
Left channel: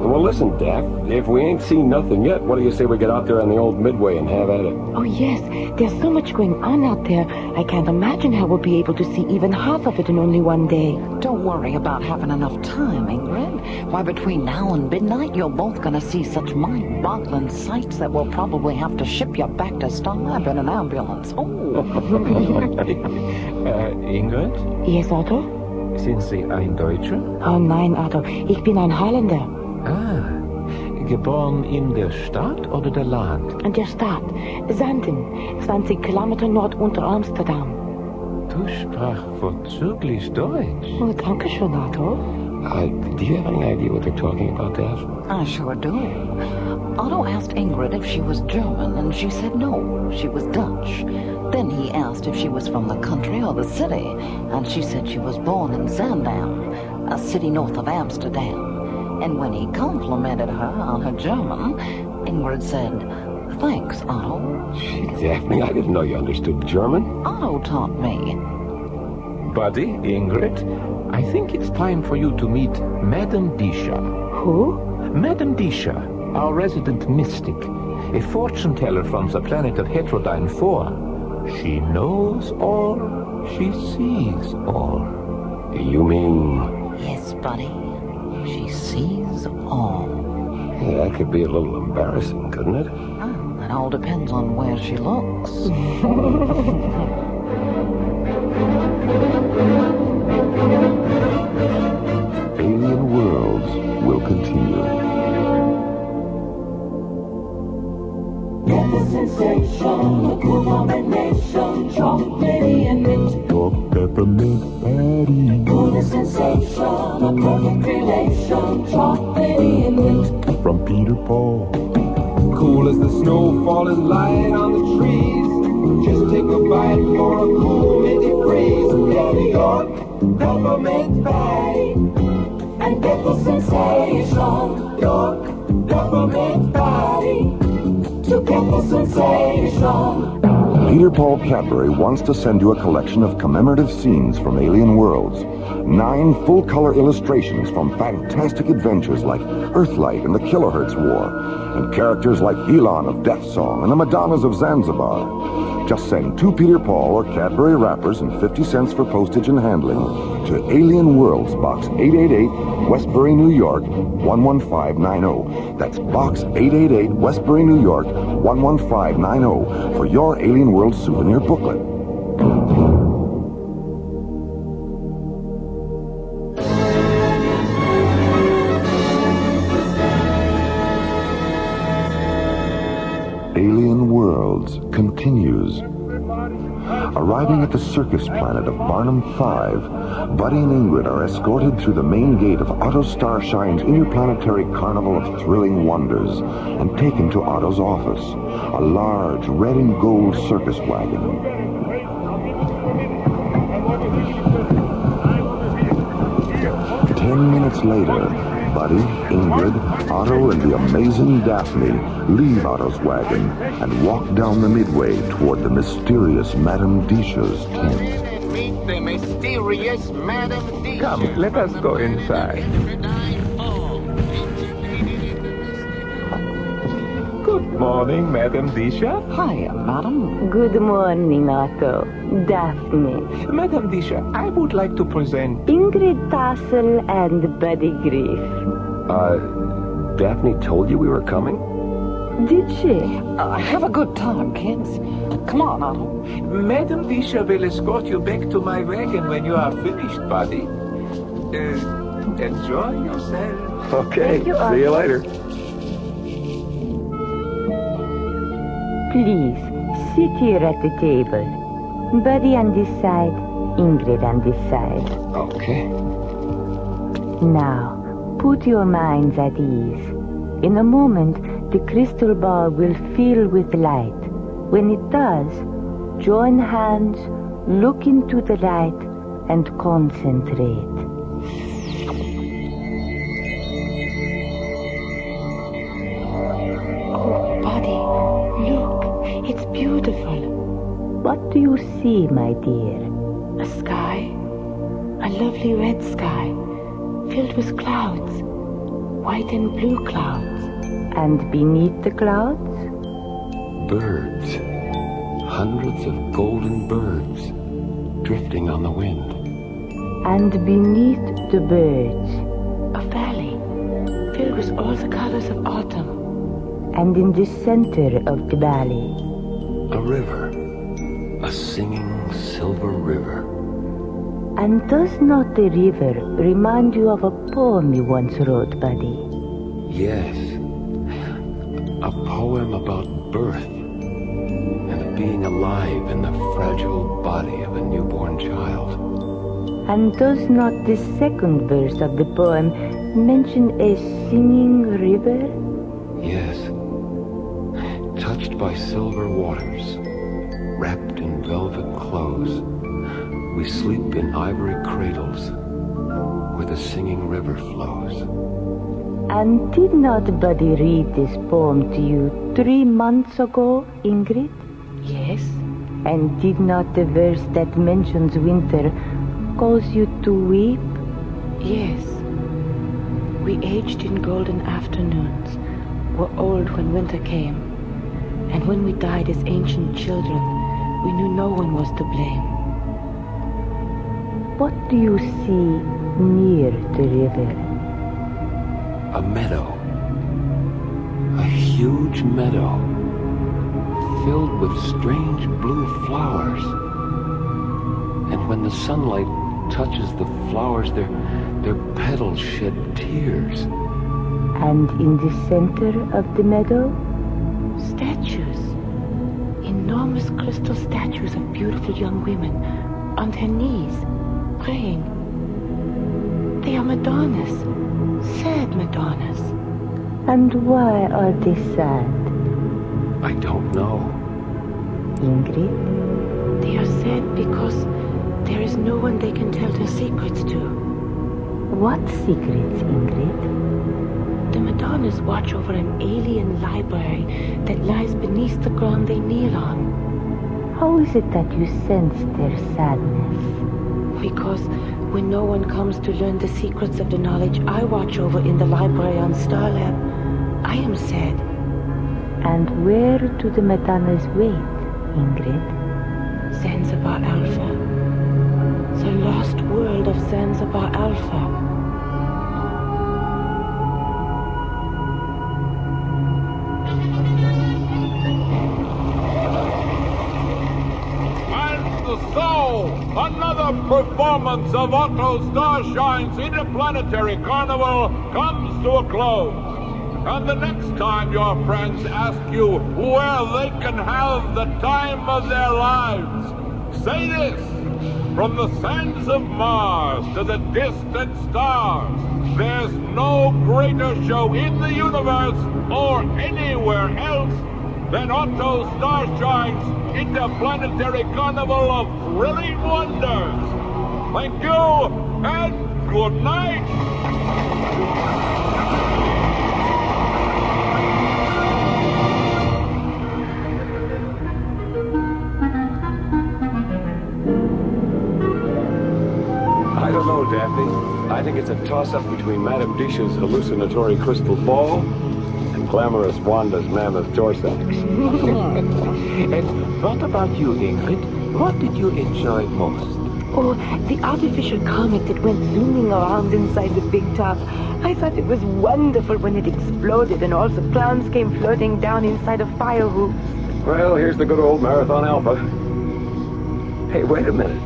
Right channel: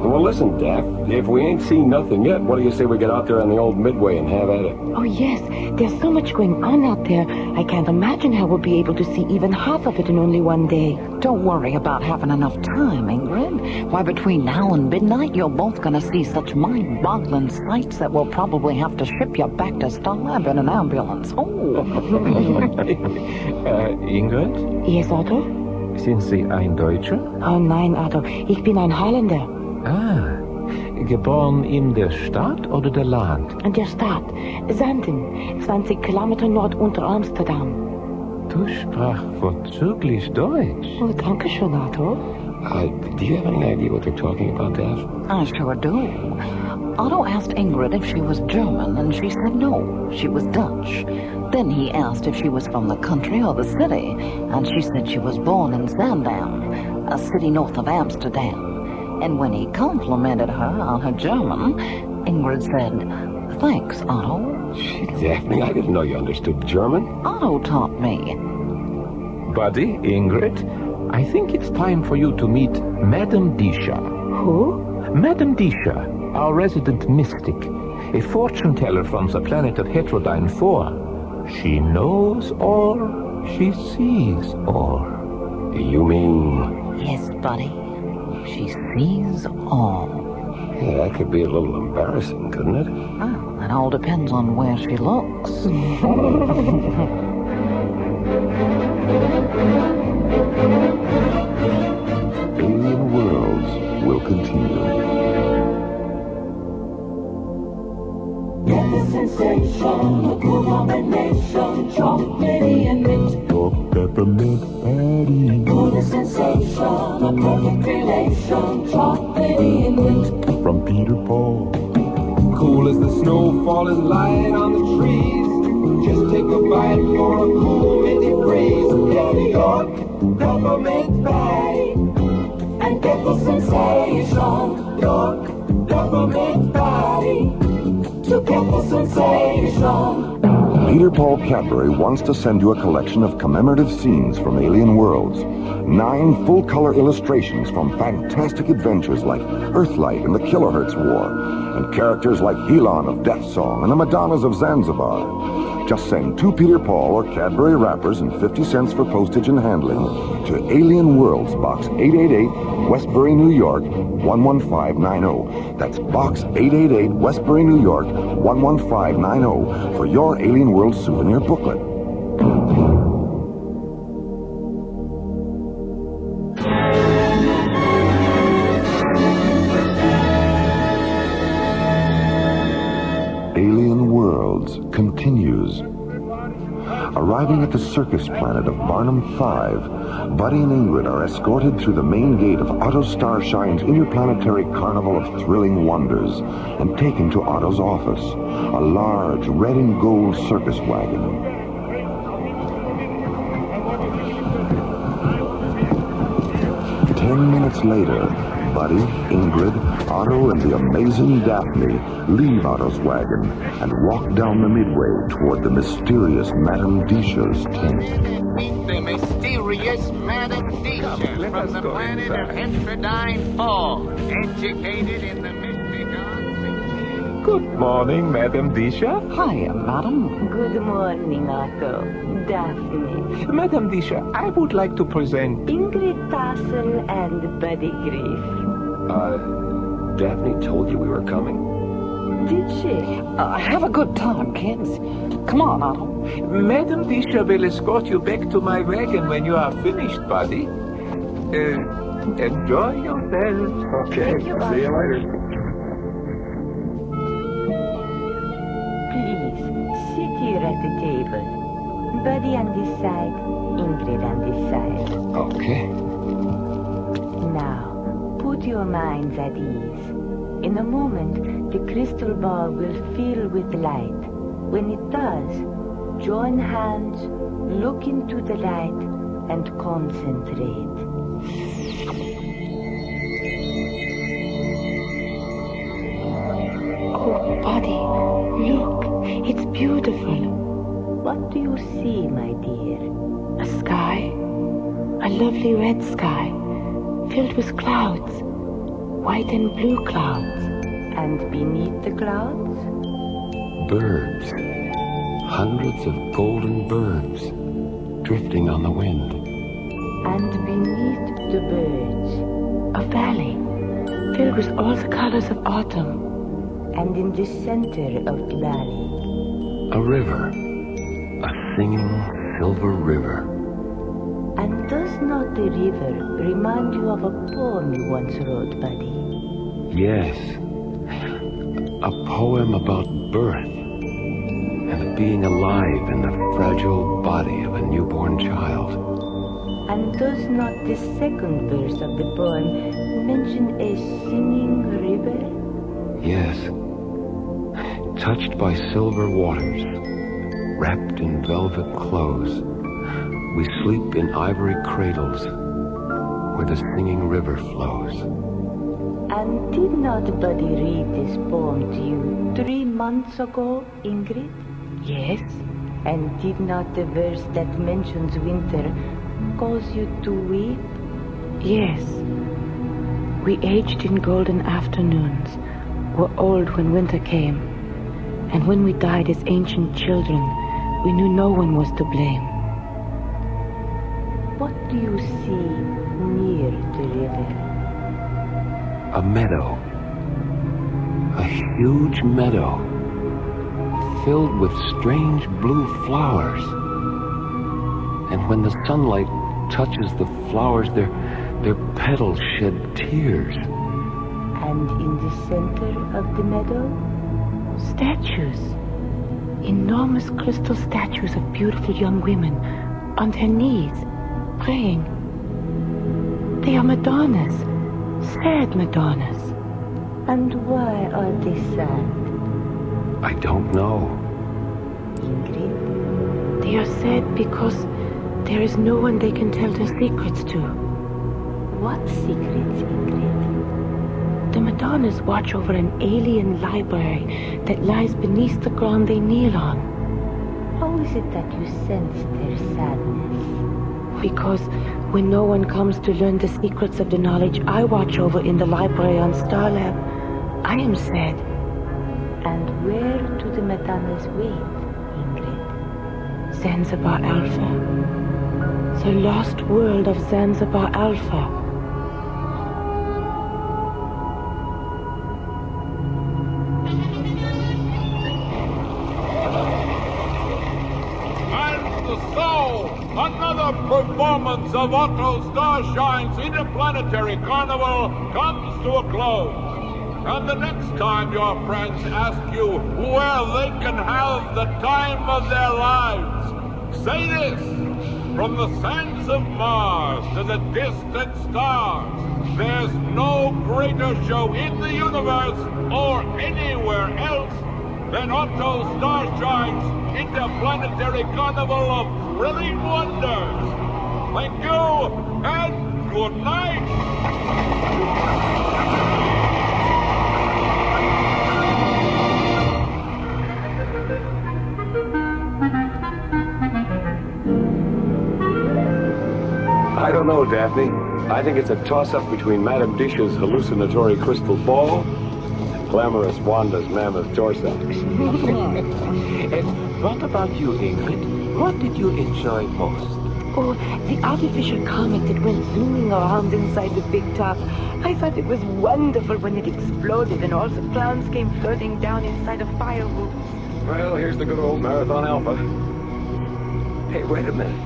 Well, listen, Daff, if we ain't seen nothing yet, what do you say we get out there on the old Midway and have at it? Oh, yes. There's so much going on out there. I can't imagine how we'll be able to see even half of it in only one day. Don't worry about having enough time, Ingrid. Why, between now and midnight, you're both going to see such mind-boggling sights that we'll probably have to ship you back to Starlab in an ambulance. Oh! Ingrid? Yes, Otto? Sind Sie ein Deutscher? Oh nein, Otto. Ich bin ein Holländer. Ah, geboren in der Stadt oder der Land? In der Stadt. Zanzibar, 20 Kilometer nordunter Amsterdam. Du sprachst vorzüglich Deutsch. Oh, danke schön, Otto. Do you have any idea what they're talking about, Daff? I sure do. Otto asked Ingrid if she was German, and she said no, she was Dutch. Then he asked if she was from the country or the city, and she said she was born in Zaandam, a city north of Amsterdam. And when he complimented her on her German, Ingrid said, "Thanks, Otto." Gee, Daphne, I didn't know you understood German. Otto taught me. Buddy, Ingrid, I think it's time for you to meet Madame Disha. Who? Madame Disha, our resident mystic, a fortune teller from the planet of Heterodyne 4. She knows all, she sees all. You mean... Yes, buddy. She sees all. Yeah, that could be a little embarrassing, couldn't it? Oh, it all depends on where she looks. Alien Worlds will continue. Get the sensation, the cool combination, chocolatey and mint. Or peppermint patty. Oh, the sensation, the perfect relation, chocolatey and mint. From Peter Paul. Cool as the snow falling light on the trees. Just take a bite for a cool minty breeze. Get New York, peppermint patty. And get the sensation, York, peppermint patty. To get the sensation. Peter Paul Cadbury wants to send you a collection of commemorative scenes from Alien Worlds. 9 full-color illustrations from fantastic adventures like Earthlight and the Kilohertz War, and characters like Helon of Death Song and the Madonnas of Zanzibar. Just send 2 Peter Paul or Cadbury wrappers and 50 cents for postage and handling to Alien Worlds, Box 888, Westbury, New York, 11590. That's Box 888, Westbury, New York, 11590 for your Alien Worlds souvenir booklet. Alien Worlds continues. Arriving at the circus planet of Barnum 5, Buddy and Ingrid are escorted through the main gate of Otto Starshine's interplanetary carnival of thrilling wonders and taken to Otto's office, a large red and gold circus wagon. "10 minutes later, Buddy, Ingrid, Otto, and the amazing Daphne leave Otto's wagon and walk down the midway toward the mysterious Madame Disha's tent. Meet the mysterious Madame Disha. Come, let us go inside. Educated in the Good morning, Madame Disha. Hiya, madam. Good morning, Otto. Daphne. Madame Disha, I would like to present... Ingrid Tassel and Buddy Griff. Daphne told you we were coming? Did she? Have a good time, kids. Come on, Otto. Madame Disha will escort you back to my wagon when you are finished, Buddy. Enjoy yourself. Okay, see you later. Please, sit here at the table. Buddy on this side, Ingrid on this side. Okay. Now, put your minds at ease. In a moment, the crystal ball will fill with light. When it does, join hands, look into the light, and concentrate. Oh, Buddy, look. It's beautiful. What do you see, my dear? A sky. A lovely red sky. Filled with clouds. White and blue clouds. And beneath the clouds? Birds. Hundreds of golden birds drifting on the wind. And beneath the birds? A valley. Filled with all the colors of autumn. And in the center of the valley? A river. A singing silver river. And does not the river remind you of a poem you once wrote, Buddy? Yes. A poem about birth and it being alive in the fragile body of a newborn child. And does not the second verse of the poem mention a singing river? Yes. Touched by silver waters, wrapped in velvet clothes, we sleep in ivory cradles where the singing river flows. And did not Buddy read this poem to you 3 months ago, Ingrid? Yes. And did not the verse that mentions winter cause you to weep? Yes. We aged in golden afternoons, were old when winter came. And when we died as ancient children, we knew no one was to blame. What do you see near the river? A meadow. A huge meadow. Filled with strange blue flowers. And when the sunlight touches the flowers, their petals shed tears. And in the center of the meadow? Statues. Enormous crystal statues of beautiful young women on their knees, praying. They are Madonnas, sad Madonnas. And why are they sad? I don't know. Ingrid? They are sad because there is no one they can tell their secrets to. What secrets, Ingrid? The Madonnas watch over an alien library that lies beneath the ground they kneel on. How is it that you sense their sadness? Because when no one comes to learn the secrets of the knowledge I watch over in the library on Starlab, I am sad. And where do the Madonnas wait, Ingrid? Zanzibar Alpha. The lost world of Zanzibar Alpha. Another performance of Otto Starshine's Interplanetary Carnival comes to a close. And the next time your friends ask you where they can have the time of their lives, say this: from the sands of Mars to the distant stars, there's no greater show in the universe or anywhere else than Otto Starshine's Interplanetary Carnival of Thrilling Wonders. Thank you, and good night. I think it's a toss-up between Madame Dish's hallucinatory crystal ball and glamorous Wanda's mammoth Torsax. And what about you, Ingrid? What did you enjoy most? Oh, the artificial comet that went zooming around inside the big top. I thought it was wonderful when it exploded and all the clowns came floating down inside a fire hoops. Well, here's the good old Marathon Alpha. Hey, wait a minute.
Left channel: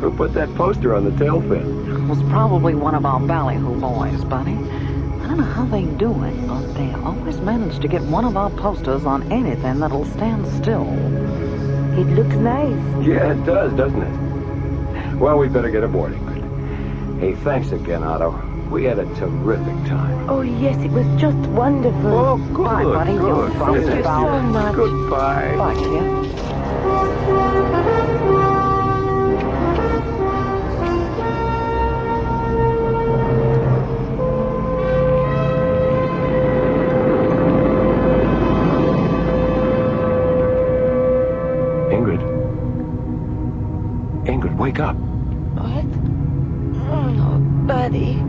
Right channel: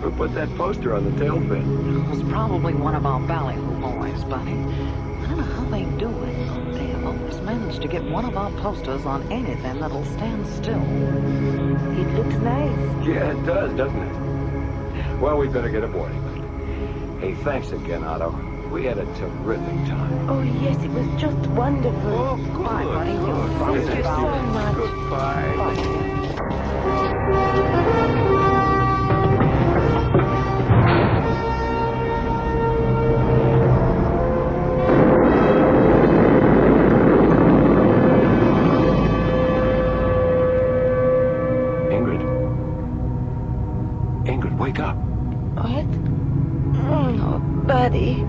Who put that poster on the tail fin? It was probably one of our ballyhoo boys, buddy. I don't know how they do it, but they always manage to get one of our posters on anything that'll stand still. It looks nice. Yeah, it does, doesn't it? Well, we better get aboard. Hey, thanks again, Otto. We had a terrific time. Oh, yes, it was just wonderful. Oh, good. Bye, buddy. Good. Thank you so much. Goodbye. Bye, kid. Ingrid, wake up. What? Oh, buddy.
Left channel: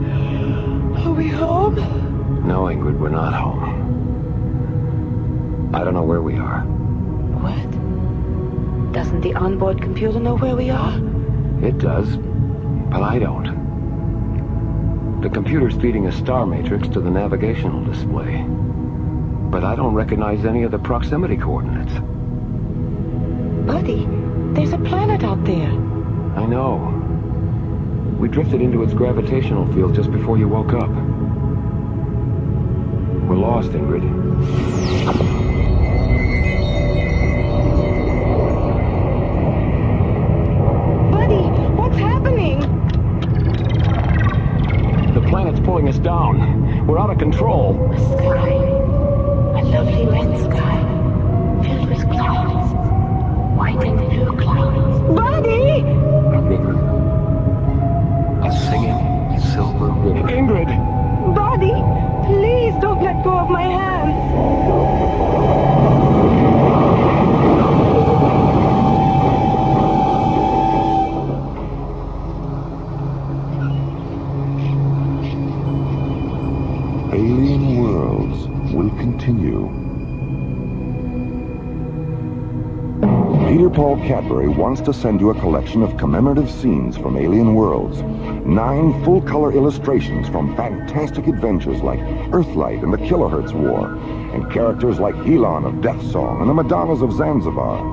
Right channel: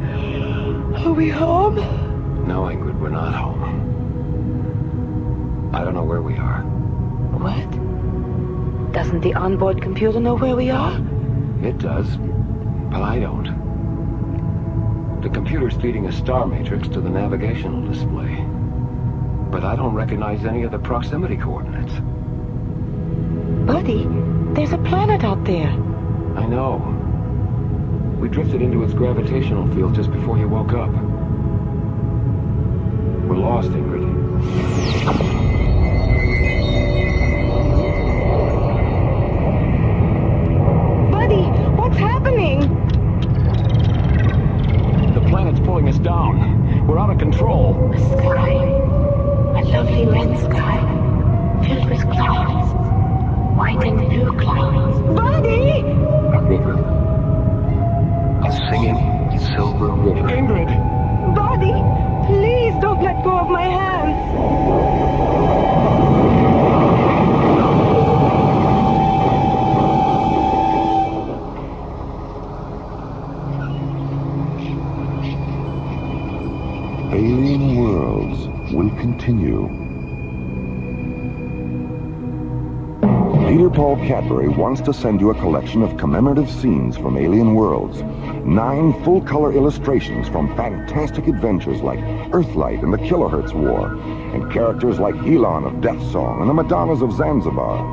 Are we home? No, Ingrid, we're not home. I don't know where we are. What? Doesn't the onboard computer know where we are? It does, but I don't. The computer's feeding a star matrix to the navigational display. But I don't recognize any of the proximity coordinates. Buddy, there's a planet out there. I know. We drifted into its gravitational field just before you woke up. We're lost, Ingrid. Buddy, what's happening? The planet's pulling us down. We're out of control. A sky. A lovely red sky. Filled with clouds. White and blue clouds. Buddy! A river. A singing silver river. Ingrid! Buddy, please don't let go of my hands. Alien Worlds will continue. Peter Paul Cadbury wants to send you a collection of commemorative scenes from Alien Worlds. 9 full-color illustrations from fantastic adventures like Earthlight and the Kilohertz War, and characters like Elon of Death Song and the Madonnas of Zanzibar.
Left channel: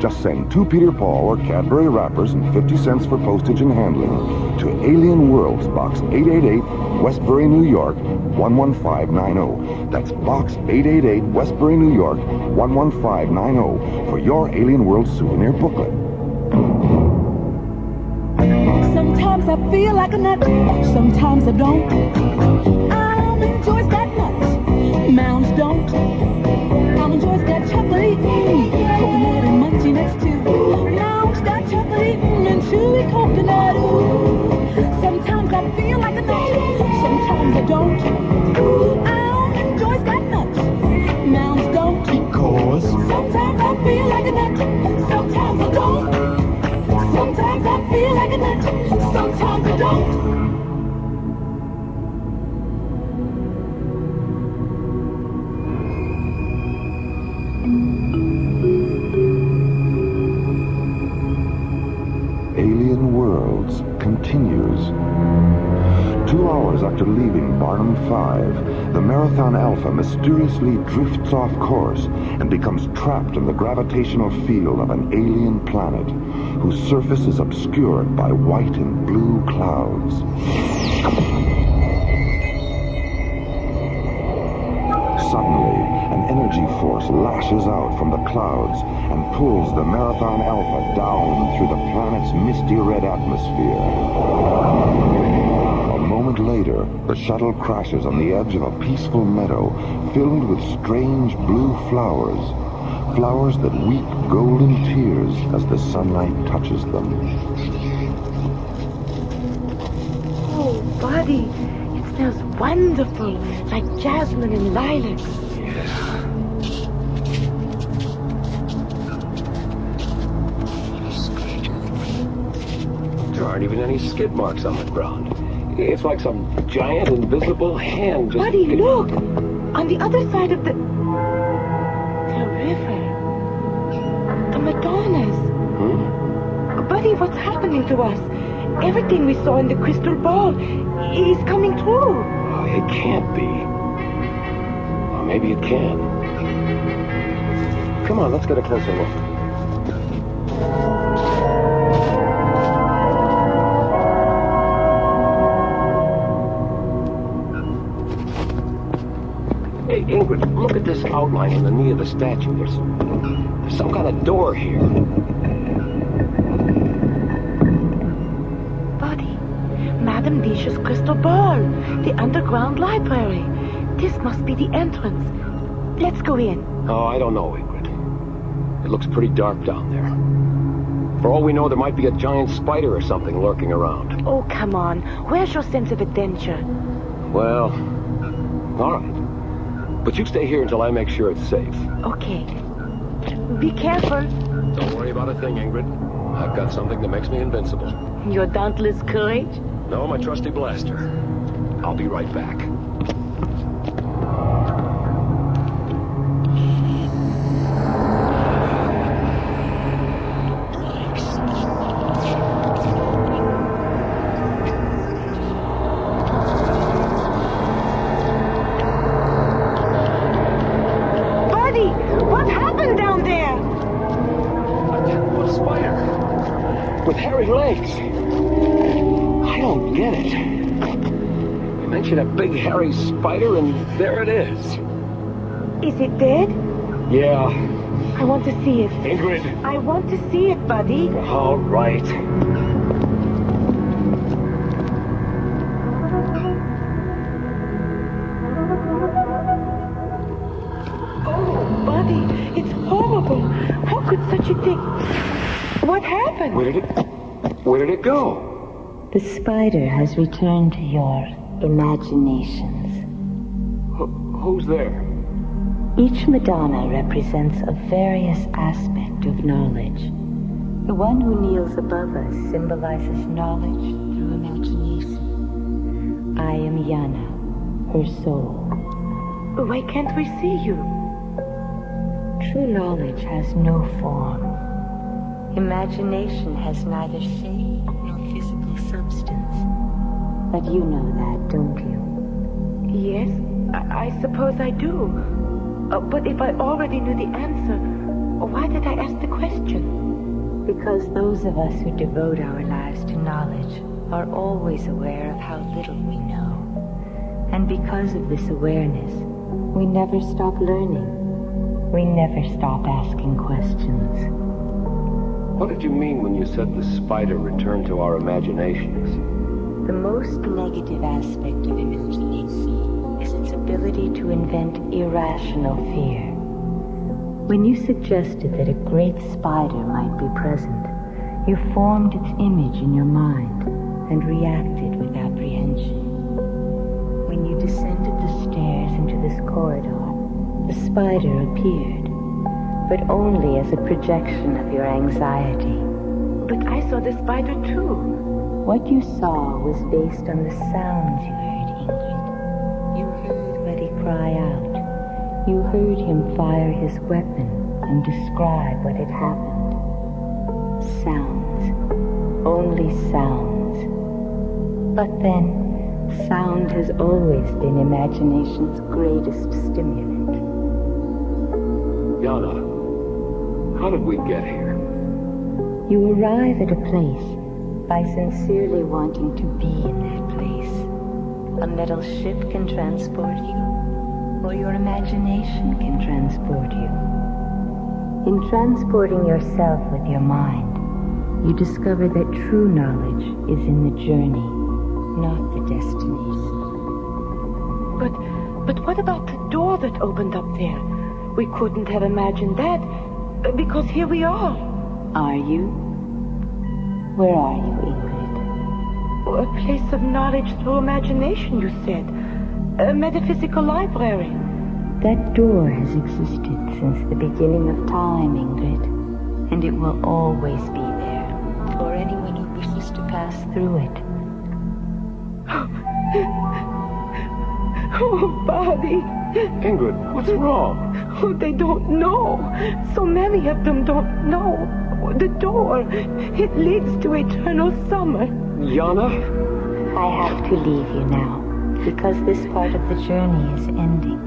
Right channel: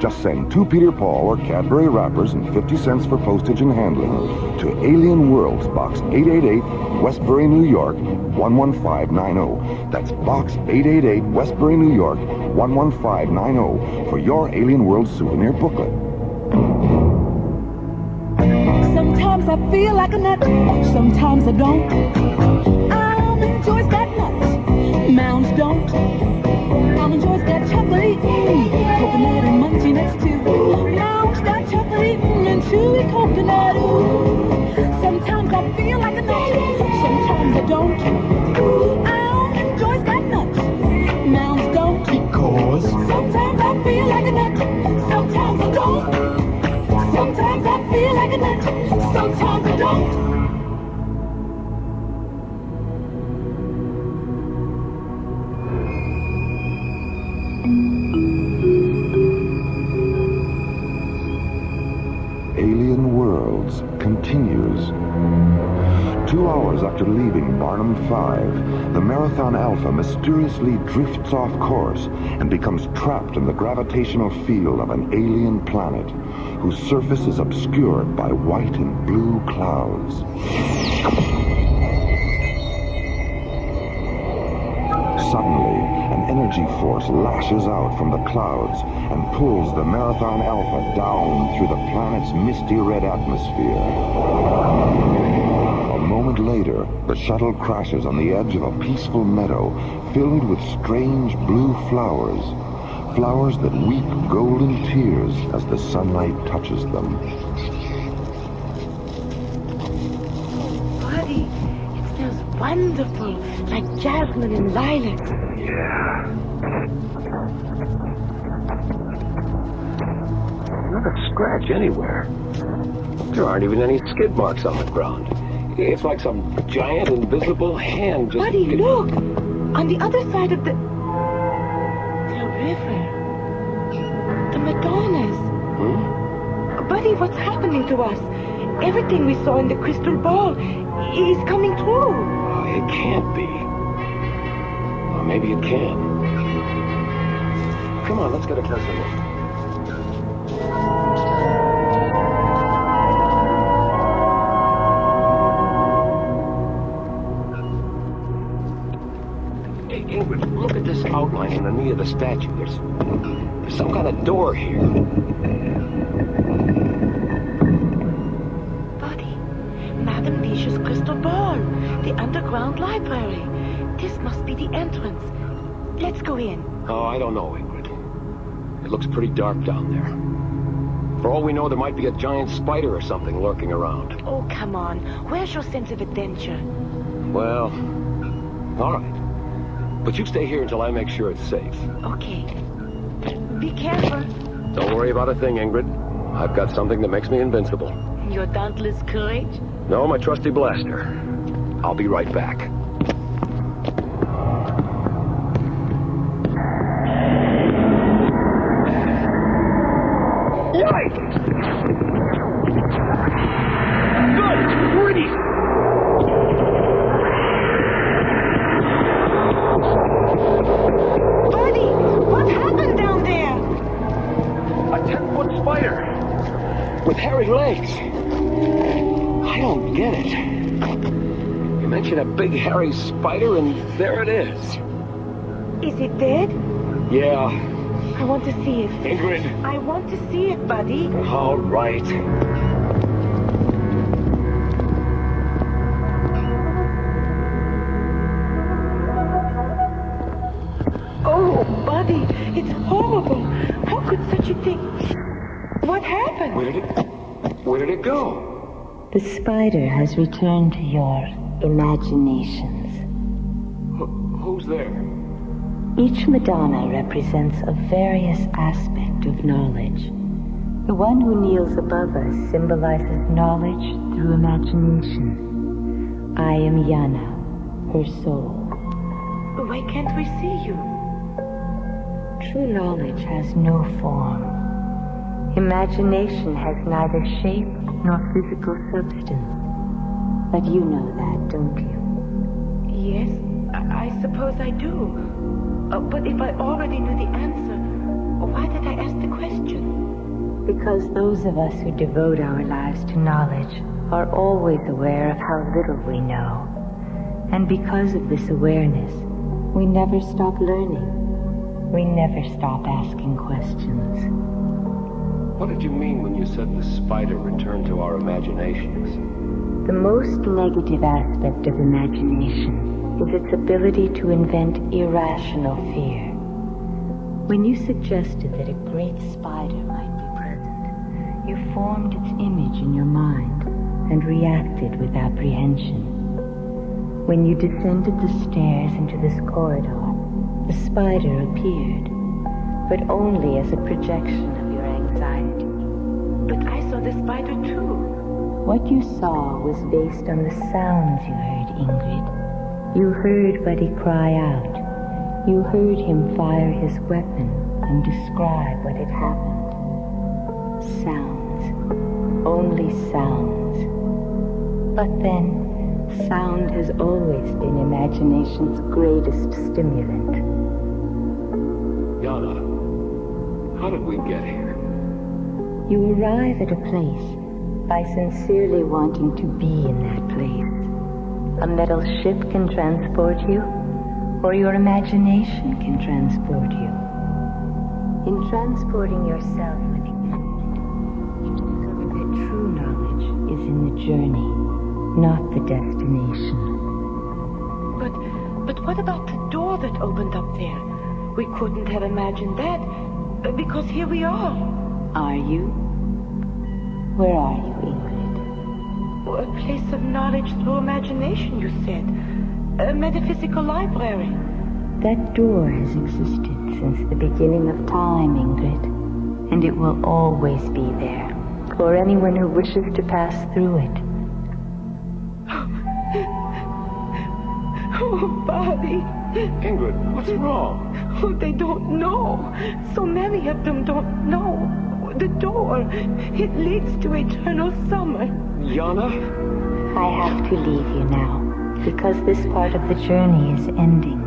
Just send 2 Peter Paul or Cadbury wrappers and 50 cents for postage and handling to Alien Worlds, Box 888, Westbury, New York, 11590. That's Box 888, Westbury, New York, 11590 for your Alien World souvenir booklet. Sometimes I feel like a nut, sometimes I don't. I'm enjoy's got nuts, mounds don't. I'm enjoy's got chocolate, coconut and munchy next to. Mounds got chocolate and chewy coconut. Ooh. Sometimes I feel like a nut, sometimes I don't. I'm enjoy's got nuts, mounds don't. Because sometimes I feel like a nut, sometimes I don't. Sometimes I feel like a nut, sometimes I don't. Alien Worlds continues. 2 hours after leaving Barnum 5, the Marathon Alpha mysteriously drifts off course and becomes trapped in the gravitational field of an alien planet, whose surface is obscured by white and blue clouds. Suddenly, an energy force lashes out from the clouds and pulls the Marathon Alpha down through the planet's misty red atmosphere. A moment later, the shuttle crashes on the edge of a peaceful meadow filled with strange blue flowers. Flowers that weep golden tears as the sunlight touches them. Oh, buddy, it smells wonderful, like jasmine and lilacs. Yeah. Not a scratch anywhere. There aren't even any skid marks on the ground. It's like some giant invisible hand just... Buddy, look! On the other side of the river. The Madonnas. Buddy, what's happening to us? Everything we saw in the crystal ball is coming true. It can't be. Or maybe it can. Come on, let's get a closer look. Hey, Ingrid, look at this outline on the knee of the statue. There's some kind of door here. Buddy, Madame Disha's crystal ball, the underground library. This must be the entrance. Let's go in. Oh, I don't know, Ingrid. It looks pretty dark down there. For all we know, there might be a giant spider or something lurking around. Oh, come on. Where's your sense of adventure? Well, all right. But you stay here until I make sure it's safe. Okay. Be careful. Don't worry about a thing, Ingrid. I've got something that makes me invincible. Your dauntless courage? No, my trusty blaster. I'll be right back. Yikes! Good grief! Buddy, what happened down there? A 10-foot spider with hairy legs. I don't get it. You mentioned a big hairy spider, and there it is. Is it dead? Yeah. I want to see it. Ingrid. I want to see it, buddy. All right. Oh, buddy, it's horrible. How could such a thing... What happened? Where did it go? The spider has returned to your imaginations. Who's there? Each Madonna represents a various aspect of knowledge. The one who kneels above us symbolizes knowledge through imagination. I am Yana, her soul. Why can't we see you? True knowledge has no form. Imagination has neither shape nor physical substance. But you know that, don't you? Yes, I suppose I do. But if I already knew the answer, why did I ask the question? Because those of us who devote our lives to knowledge are always aware of how little we know. And because of this awareness, we never stop learning. We never stop asking questions. What did you mean when you said the spider returned to our imaginations? The most negative aspect of imagination is its ability to invent irrational fear. When you suggested that a great spider might be present, you formed its image in your mind and reacted with apprehension. When you descended the stairs into this corridor, the spider appeared, but only as a projection of your anxiety. But I saw the spider too. What you saw was based on the sounds you heard, Ingrid. You heard Buddy cry out. You heard him fire his weapon and describe what had happened. Sounds. Only sounds. But then, sound has always been imagination's greatest stimulant. Yana, how did we get here? You arrive at a place by sincerely wanting to be in that place. A metal ship can transport you, or your imagination can transport you. In transporting yourself with your mind, you discover that true knowledge is in the journey, not the destination. But what about the door that opened up there? We couldn't have imagined that, because here we are. Are you? Where are you, Ingrid? A place of knowledge through imagination, you said. A metaphysical library. That door has existed since the beginning of time, Ingrid. And it will always be there, for anyone who wishes to pass through it. Oh, Buddy. Ingrid, what's wrong? Oh, they don't know. So many of them don't know. The door, it leads to eternal summer. Yana? I have to leave you now, because this part of the journey is ending.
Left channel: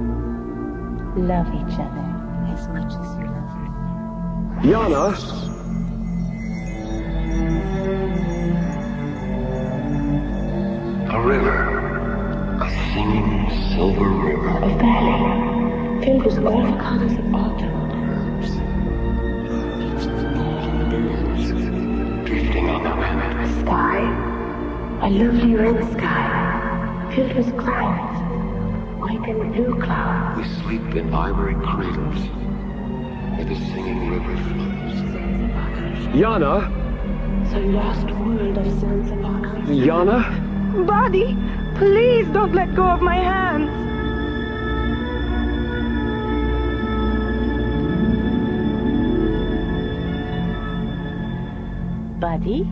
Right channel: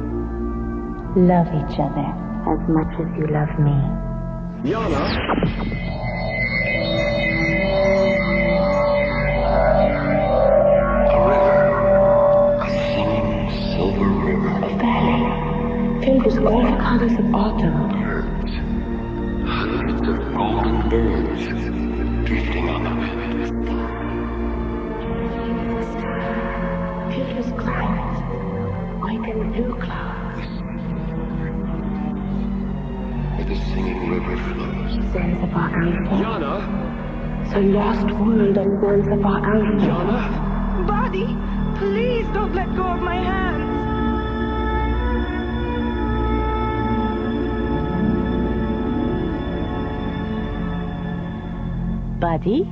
Love each other as much as you love me. Yana? A river. A singing silver river. A valley filled with all the colors of autumn. Birds. Hundreds of golden birds drifting on the wind. A sky. A lovely red sky filled with clouds. White and blue clouds. We sleep in ivory cradles where the singing river flows. Zanzibar Alpha. Yana? The lost world of Zanzibar Alpha. Yana? Buddy, please don't let go of my hands. Buddy?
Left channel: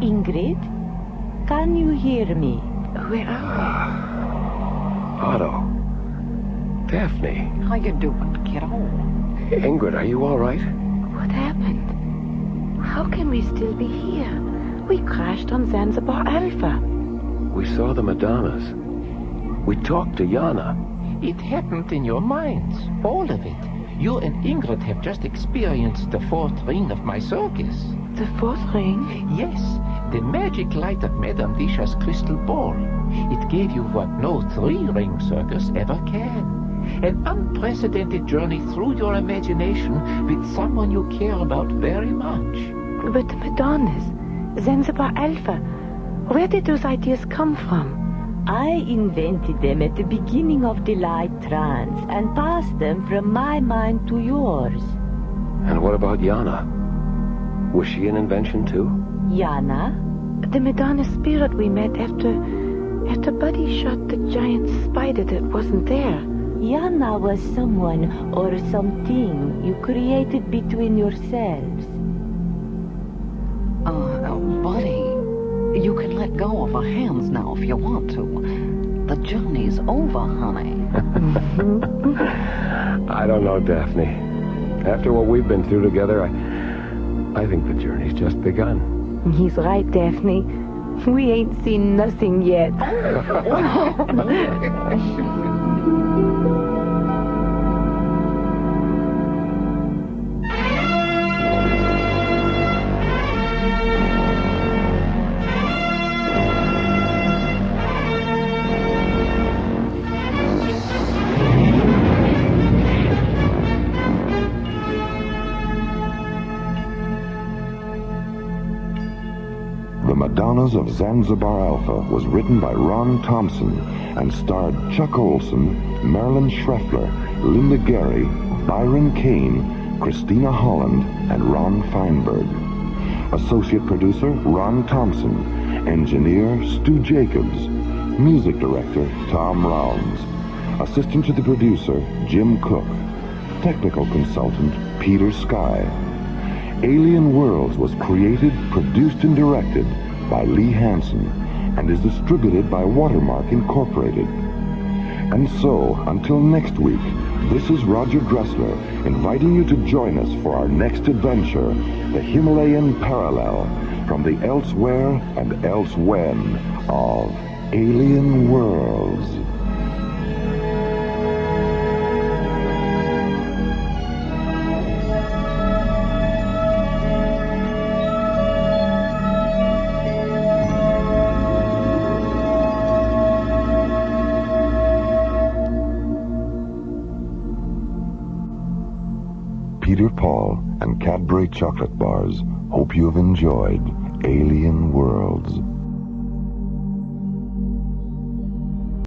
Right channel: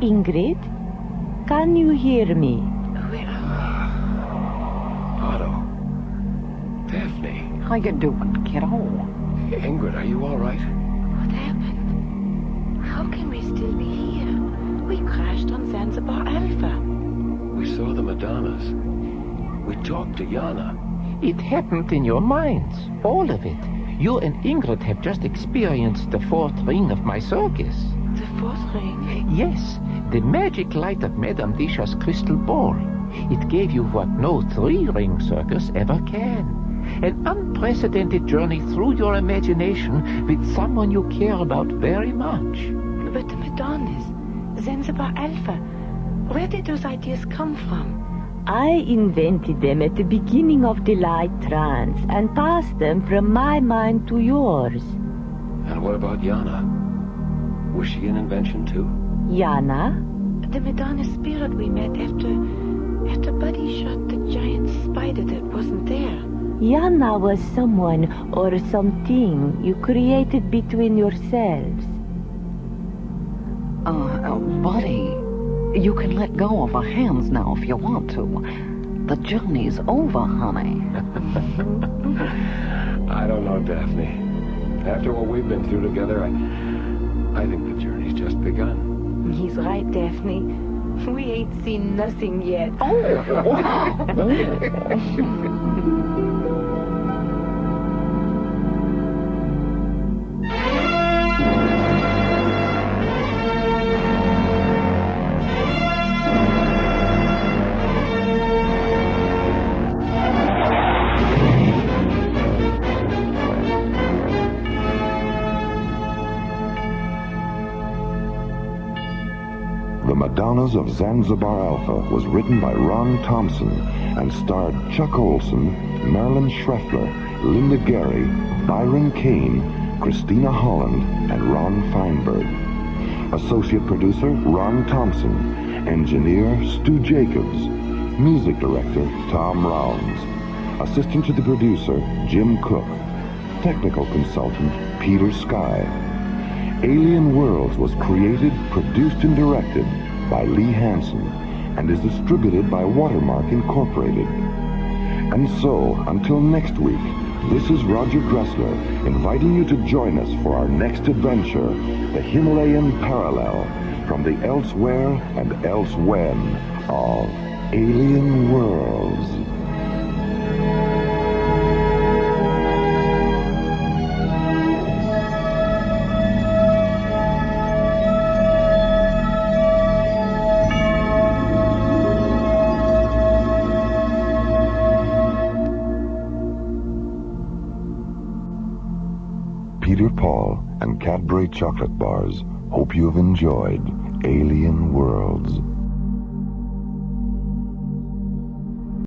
Ingrid? Can you hear me? Where are Otto. Daphne. How you doing, kiddo? Ingrid, are you all right? we? What happened? How can we still be here? We crashed on Zanzibar Alpha. We saw the Madonnas. We talked to Yana. It happened in your minds, all of it. You and Ingrid have just experienced the fourth ring of my circus. The fourth ring? Yes, the magic light of Madame Disha's crystal ball. It gave you what no three-ring circus ever can. An unprecedented journey through your imagination with someone you care about very much. But the Madonnas, Zanzibar Alpha, where did those ideas come from? I invented them at the beginning of the light trance and passed them from my mind to yours. And what about Yana? Was she an invention too? Yana? The Madonna spirit we met after Buddy shot the giant spider that wasn't there. Yana was someone or something you created between yourselves. Buddy, you can let go of our hands now if you want to. The journey's over, honey. I don't know, Daphne. After what we've been through together, I think the journey's just begun. He's right, Daphne. We ain't seen nothing yet. The Madonnas of Zanzibar Alpha was written by Ron Thompson and starred Chuck Olson, Marilyn Schreffler, Linda Gary, Byron Kane, Christina Holland, and Ron Feinberg. Associate producer, Ron Thompson. Engineer, Stu Jacobs. Music director, Tom Rounds. Assistant to the producer, Jim Cook. Technical consultant, Peter Sky. Alien Worlds was created, produced, and directed by Lee Hansen and is distributed by Watermark Incorporated. And so, until next week, this is Roger Dressler inviting you to join us for our next adventure, the Himalayan Parallel, from the elsewhere and elsewhen of Alien Worlds. Peter Paul and Cadbury chocolate bars hope you have enjoyed Alien Worlds.